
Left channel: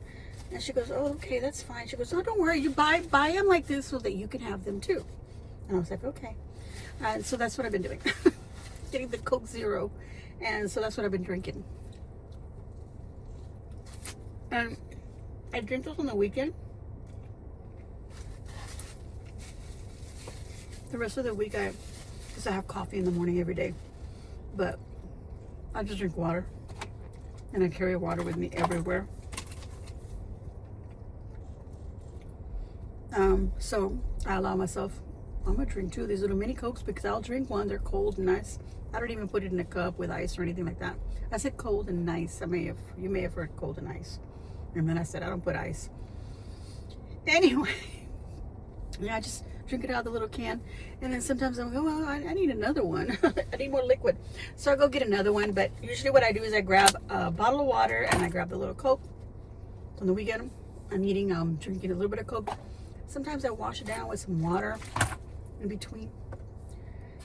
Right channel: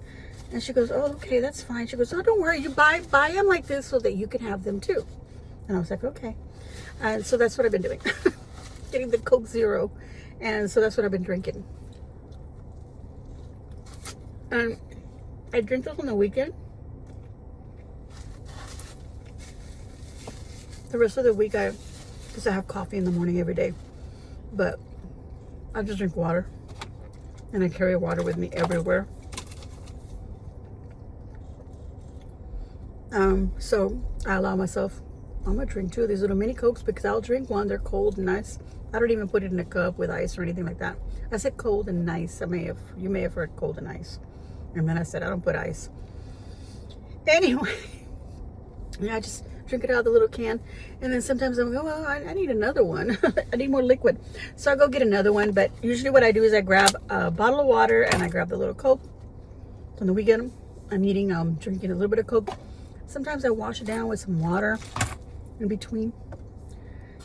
And she goes, oh, okay, that's fine. She goes, oh, don't worry. You buy them like this so that you can have them too. And I was like, okay. So that's what I've been doing. Getting the Coke Zero. And so that's what I've been drinking. And I drink those on the weekend. The rest of the week, because I have coffee in the morning every day. But I just drink water. And I carry water with me everywhere. So I allow myself, I'm going to drink two of these little mini Cokes because I'll drink one. They're cold and nice. I don't even put it in a cup with ice or anything like that. I said cold and nice. You may have heard cold and ice. And then I said, I don't put ice. Anyway, yeah, I just drink it out of the little can. And then sometimes I'm going, well, I need another one. I need more liquid. So I go get another one. But usually what I do is I grab a bottle of water and I grab the little Coke. On the weekend, I'm drinking a little bit of Coke. Sometimes I wash it down with some water in between,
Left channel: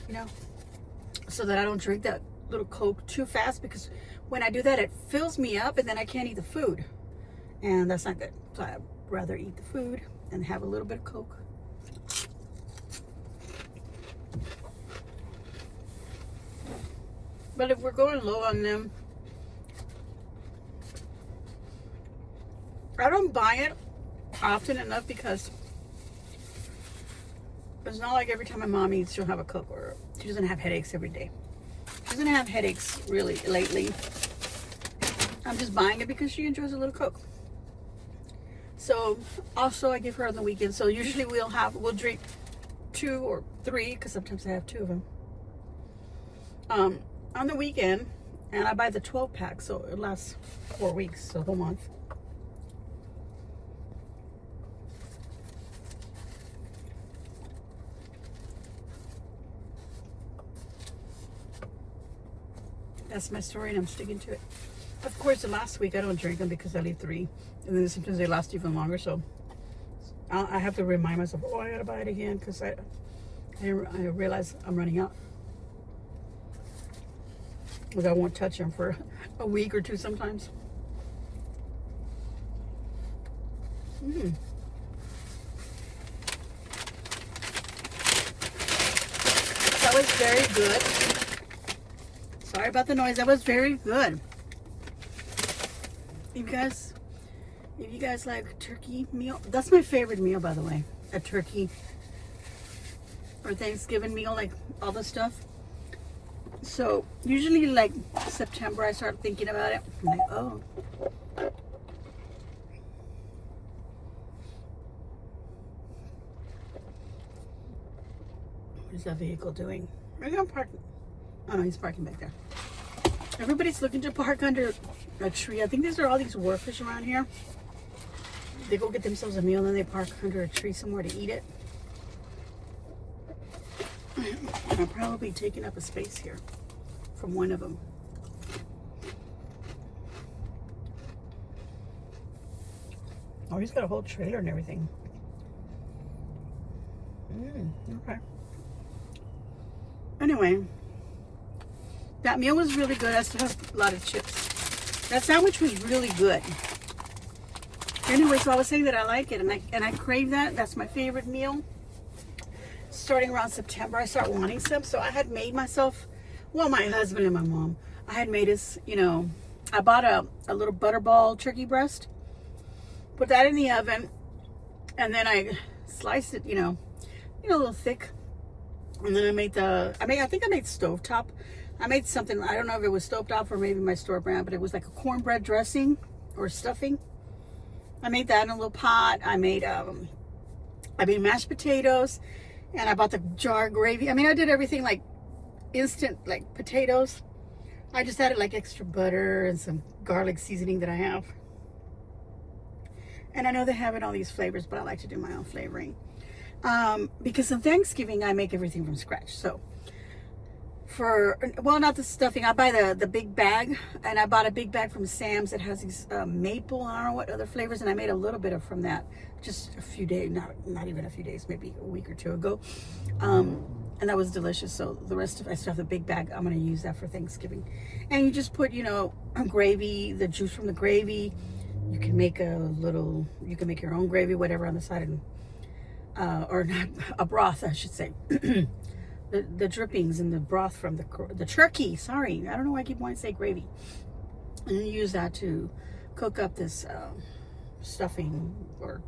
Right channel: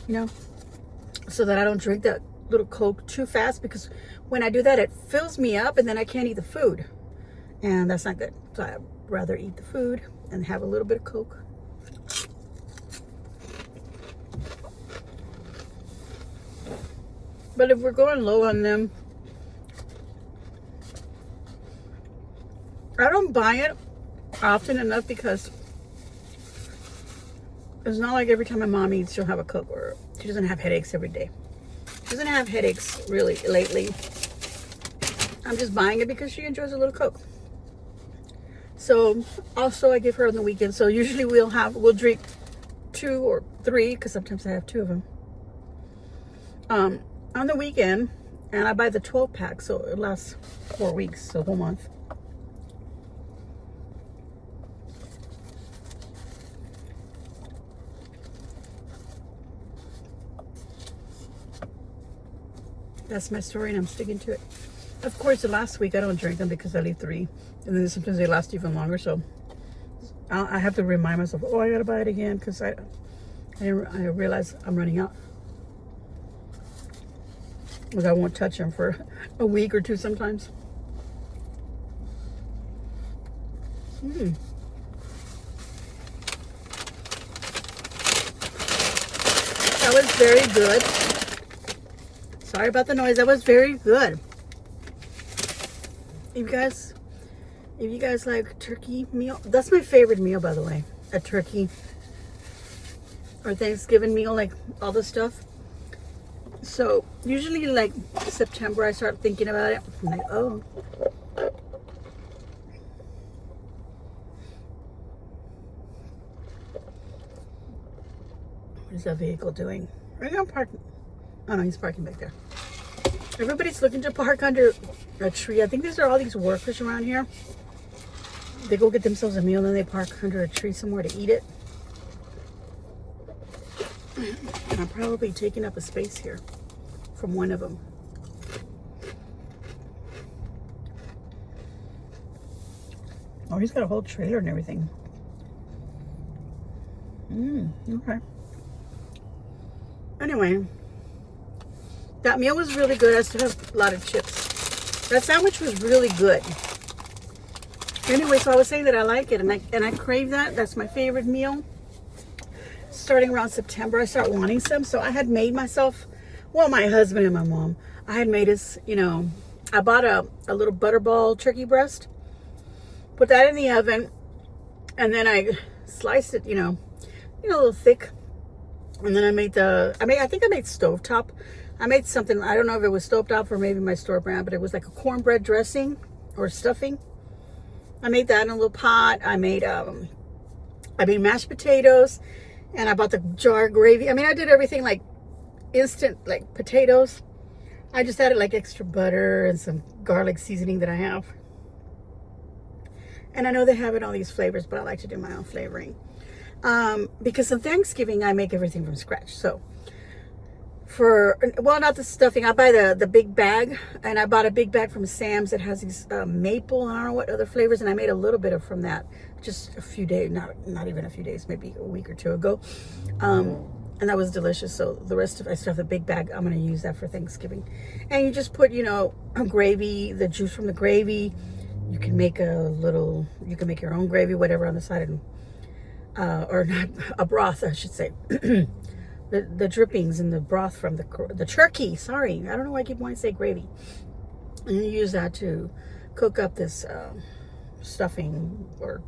you know, so that I don't drink that little Coke too fast, because when I do that, it fills me up and then I can't eat the food. And that's not good. So I'd rather eat the food and have a little bit of Coke. But if we're going low on them, I don't buy it often enough because it's not like every time my mom eats, she'll have a Coke, or she doesn't have headaches every day. She doesn't have headaches really lately. I'm just buying it because she enjoys a little Coke. So also I give her on the weekend. So usually we'll drink 2 or 3, because sometimes I have 2 of them. On the weekend, and I buy the 12-pack, so it lasts 4 weeks, so a whole month. That's my story, and I'm sticking to it. Of course, the last week I don't drink them because I leave 3, and then sometimes they last even longer. So I have to remind myself, oh, I gotta buy it again, because I realize I'm running out. Because I won't touch them for a week or 2 sometimes. That was very good. Sorry about the noise. That was very good. You guys, If you guys like turkey meal, that's my favorite meal, by the way. A turkey or Thanksgiving meal, like all the stuff. So usually like September I start thinking about it. I'm like, oh, what is that vehicle doing? Where's he parking? Oh no, he's parking back there. Everybody's looking to park under a tree. I think these are all these workers around here. They go get themselves a meal and then they park under a tree somewhere to eat it. I'm probably taking up a space here from one of them. Oh, he's got a whole trailer and everything. Okay. Anyway, that meal was really good. I still have a lot of chips. That sandwich was really good. Anyway, so I was saying that I like it and I crave that. That's my favorite meal. Starting around September, I start wanting some. So I had made myself, well, my husband and my mom, I had made us, you know, I bought a little butterball turkey breast, put that in the oven, and then I sliced it, you know, a little thick. And then I think I made stovetop. I made something, I don't know if it was stovetop or maybe my store brand, but it was like a cornbread dressing or stuffing. I made that in a little pot. I made mashed potatoes, and I bought the jar gravy. I mean, I did everything like instant, like potatoes. I just added like extra butter and some garlic seasoning that I have. And I know they have it all these flavors, but I like to do my own flavoring. Because on Thanksgiving, I make everything from scratch. So not the stuffing, I buy the big bag, and I bought a big bag from Sam's that has these maple, I don't know what other flavors, and I made a little bit from that just a few days, not even a few days, maybe a week or two ago, and that was delicious. So the rest of I still have the big bag. I'm going to use that for Thanksgiving. And you just put, you know, gravy, the juice from the gravy. You can make your own gravy, whatever, on the side, and or not, a broth, I should say. The drippings and the broth from the turkey. Sorry, I don't know why I keep wanting to say gravy. And you use that to cook up this stuffing or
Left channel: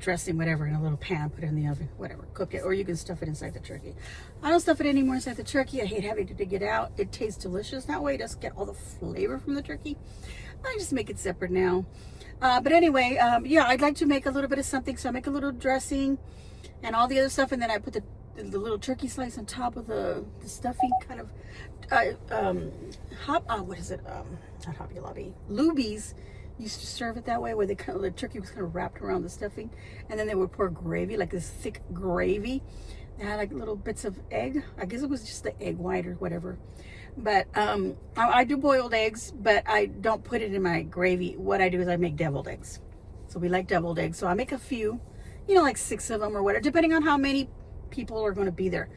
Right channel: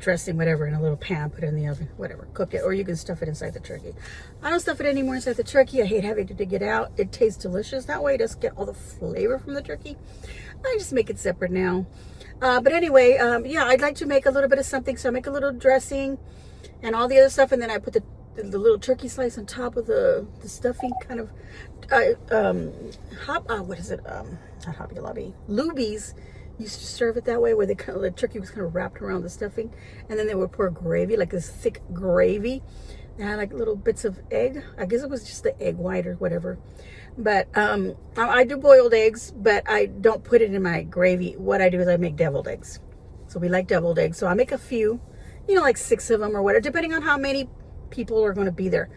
dressing, whatever, in a little pan. Put it in the oven, whatever. Cook it, or you can stuff it inside the turkey. I don't stuff it anymore inside the turkey. I hate having to dig it out. It tastes delicious that way. It doesn't get all the flavor from the turkey. I just make it separate now. But anyway, yeah, I'd like to make a little bit of something. So I make a little dressing and all the other stuff, and then I put the little turkey slice on top of the stuffing, kind of what is it, not Hobby Lobby, Luby's used to serve it that way, where the turkey was kind of wrapped around the stuffing, and then they would pour gravy, like this thick gravy. They had like little bits of egg. I guess it was just the egg white or whatever, but I do boiled eggs, but I don't put it in my gravy. What I do is I make deviled eggs. So we like deviled eggs, so I make a few, you know, like 6 of them or whatever, depending on how many people are going to be there.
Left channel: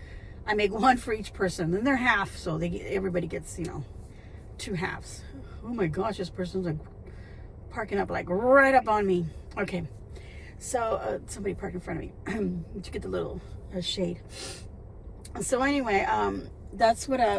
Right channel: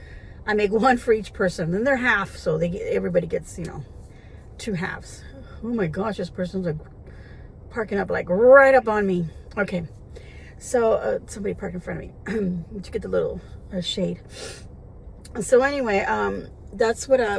I make one for each person, and they're half, so everybody gets, you know, 2 halves. Oh my gosh, this person's like parking up like right up on me. Okay, so somebody parked in front of me. To get the little shade. So anyway, that's what I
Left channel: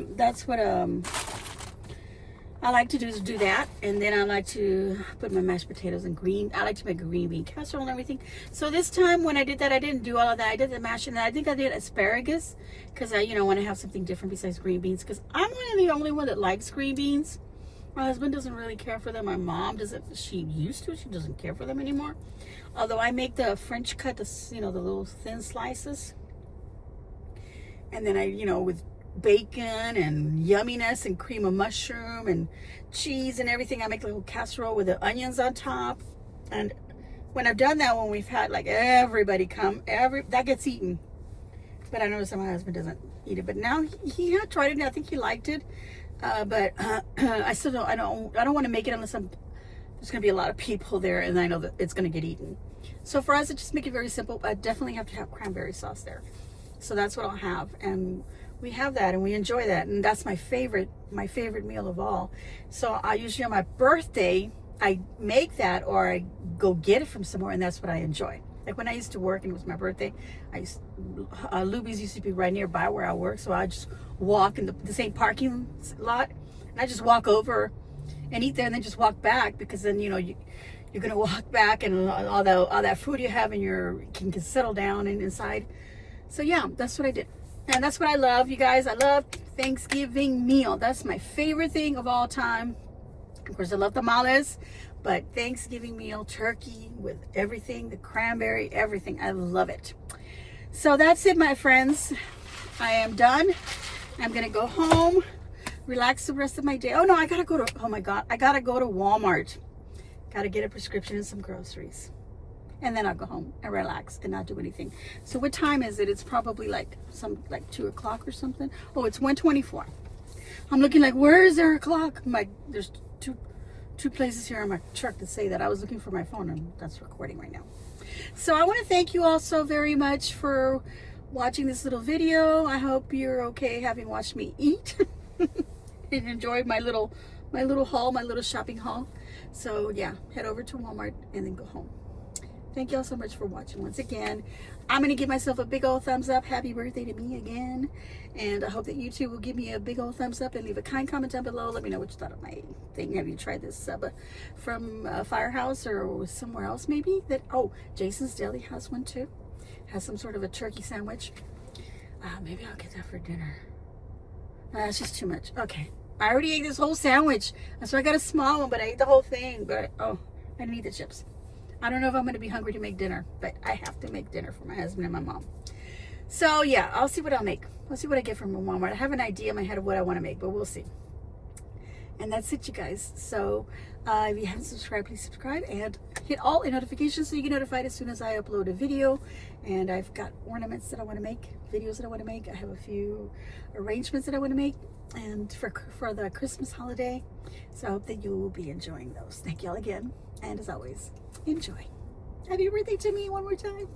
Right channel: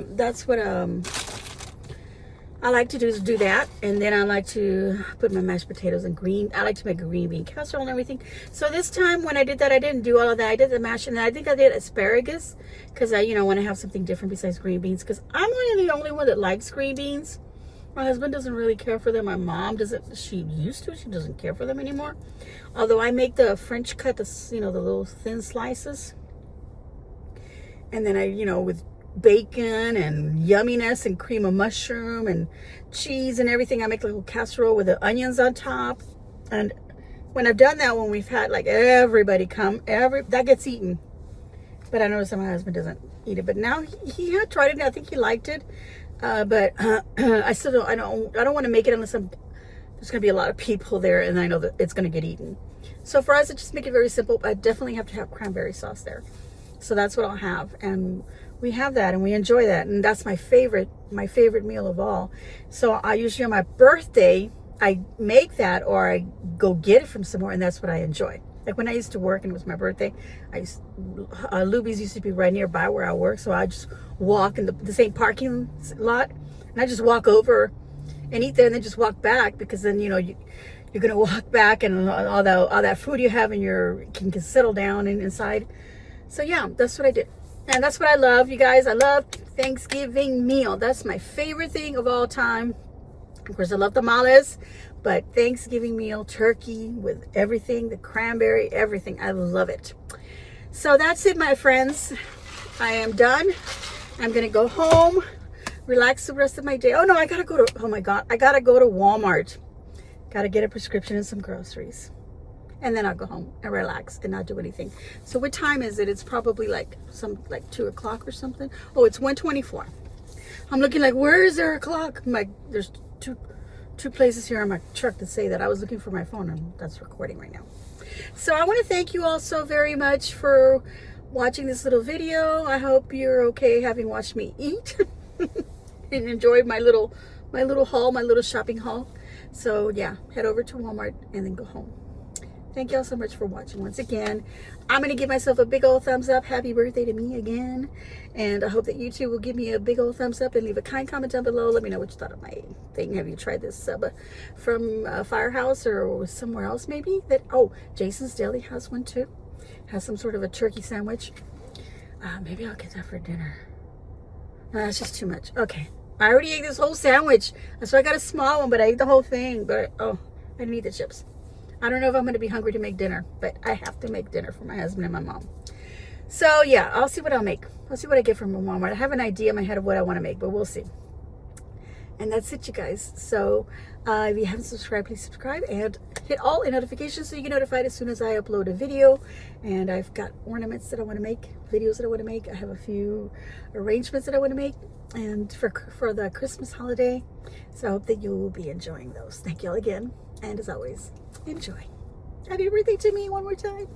like to do, is do that. And then I like to put my mashed potatoes and I like to make a green bean casserole and everything. So this time when I did that, I didn't do all of that. I did the mash, and I think I did asparagus, because I, you know, want to have something different besides green beans, because I'm really the only one that likes green beans. My husband doesn't really care for them. My mom doesn't. She used to. She doesn't care for them anymore. Although I make the French cut, the little thin slices. And then I, you know, with bacon and yumminess and cream of mushroom and cheese and everything, I make a little casserole with the onions on top. And when I've done that, when we've had like everybody come, that gets eaten. But I noticed that my husband doesn't eat it. But now he had tried it, and I think he liked it. But I still don't. I don't want to make it unless there's going to be a lot of people there, and I know that it's going to get eaten. So for us, I just make it very simple. I definitely have to have cranberry sauce there. So that's what I'll have, and we have that, and we enjoy that, and that's my favorite meal of all. So I usually on my birthday, I make that, or I go get it from somewhere, and that's what I enjoy. Like when I used to work and it was my birthday, Luby's used to be right nearby where I work, so I just walk in the same parking lot, and I just walk over and eat there, and then just walk back, because then, you know, you're gonna walk back, and all that food you have in your can settle down and inside. So yeah, that's what I did, and that's what I love, you guys. I love Thanksgiving meal. That's my favorite thing of all time. Of course, I love tamales, but Thanksgiving meal, turkey with everything, the cranberry, everything. I love it. So that's it, my friends. I am done. I'm gonna go home, relax the rest of my day. Oh no, I gotta go to, oh my God, I gotta go to Walmart. Gotta get a prescription and some groceries. And then I'll go home and relax and not do anything. So what time is it? It's probably like 2 o'clock or something. Oh, it's 1:24. I'm looking like, where is there a clock? There's two places here on my truck that say that. I was looking for my phone, and that's recording right now. So I want to thank you all so very much for watching this little video. I hope you're okay having watched me eat and enjoy my little haul, my little shopping haul. So yeah, head over to Walmart and then go home. Thank you all so much for watching. Once again, I'm going to give myself a big old thumbs up. Happy birthday to me again. And I hope that you too will give me a big old thumbs up and leave a kind comment down below. Let me know what you thought of my thing. Have you tried this sub from Firehouse or somewhere else maybe? Oh, Jason's Deli has one too. Has some sort of a turkey sandwich. Maybe I'll get that for dinner. No, that's just too much. Okay. I already ate this whole sandwich. So I got a small one, but I ate the whole thing. But oh, I didn't eat the chips. I don't know if I'm going to be hungry to make dinner, but I have to make dinner for my husband and my mom. So yeah, I'll see what I'll make. I'll see what I get from Walmart. I have an idea in my head of what I want to make, but we'll see. And that's it, you guys. So if you haven't subscribed, please subscribe and hit all notifications so you get notified as soon as I upload a video. And I've got ornaments that I want to make, videos that I want to make. I have a few arrangements that I want to make, and for the Christmas holiday. So I hope that you will be enjoying those. Thank you all again, and as always, enjoy. Happy birthday to me one more time.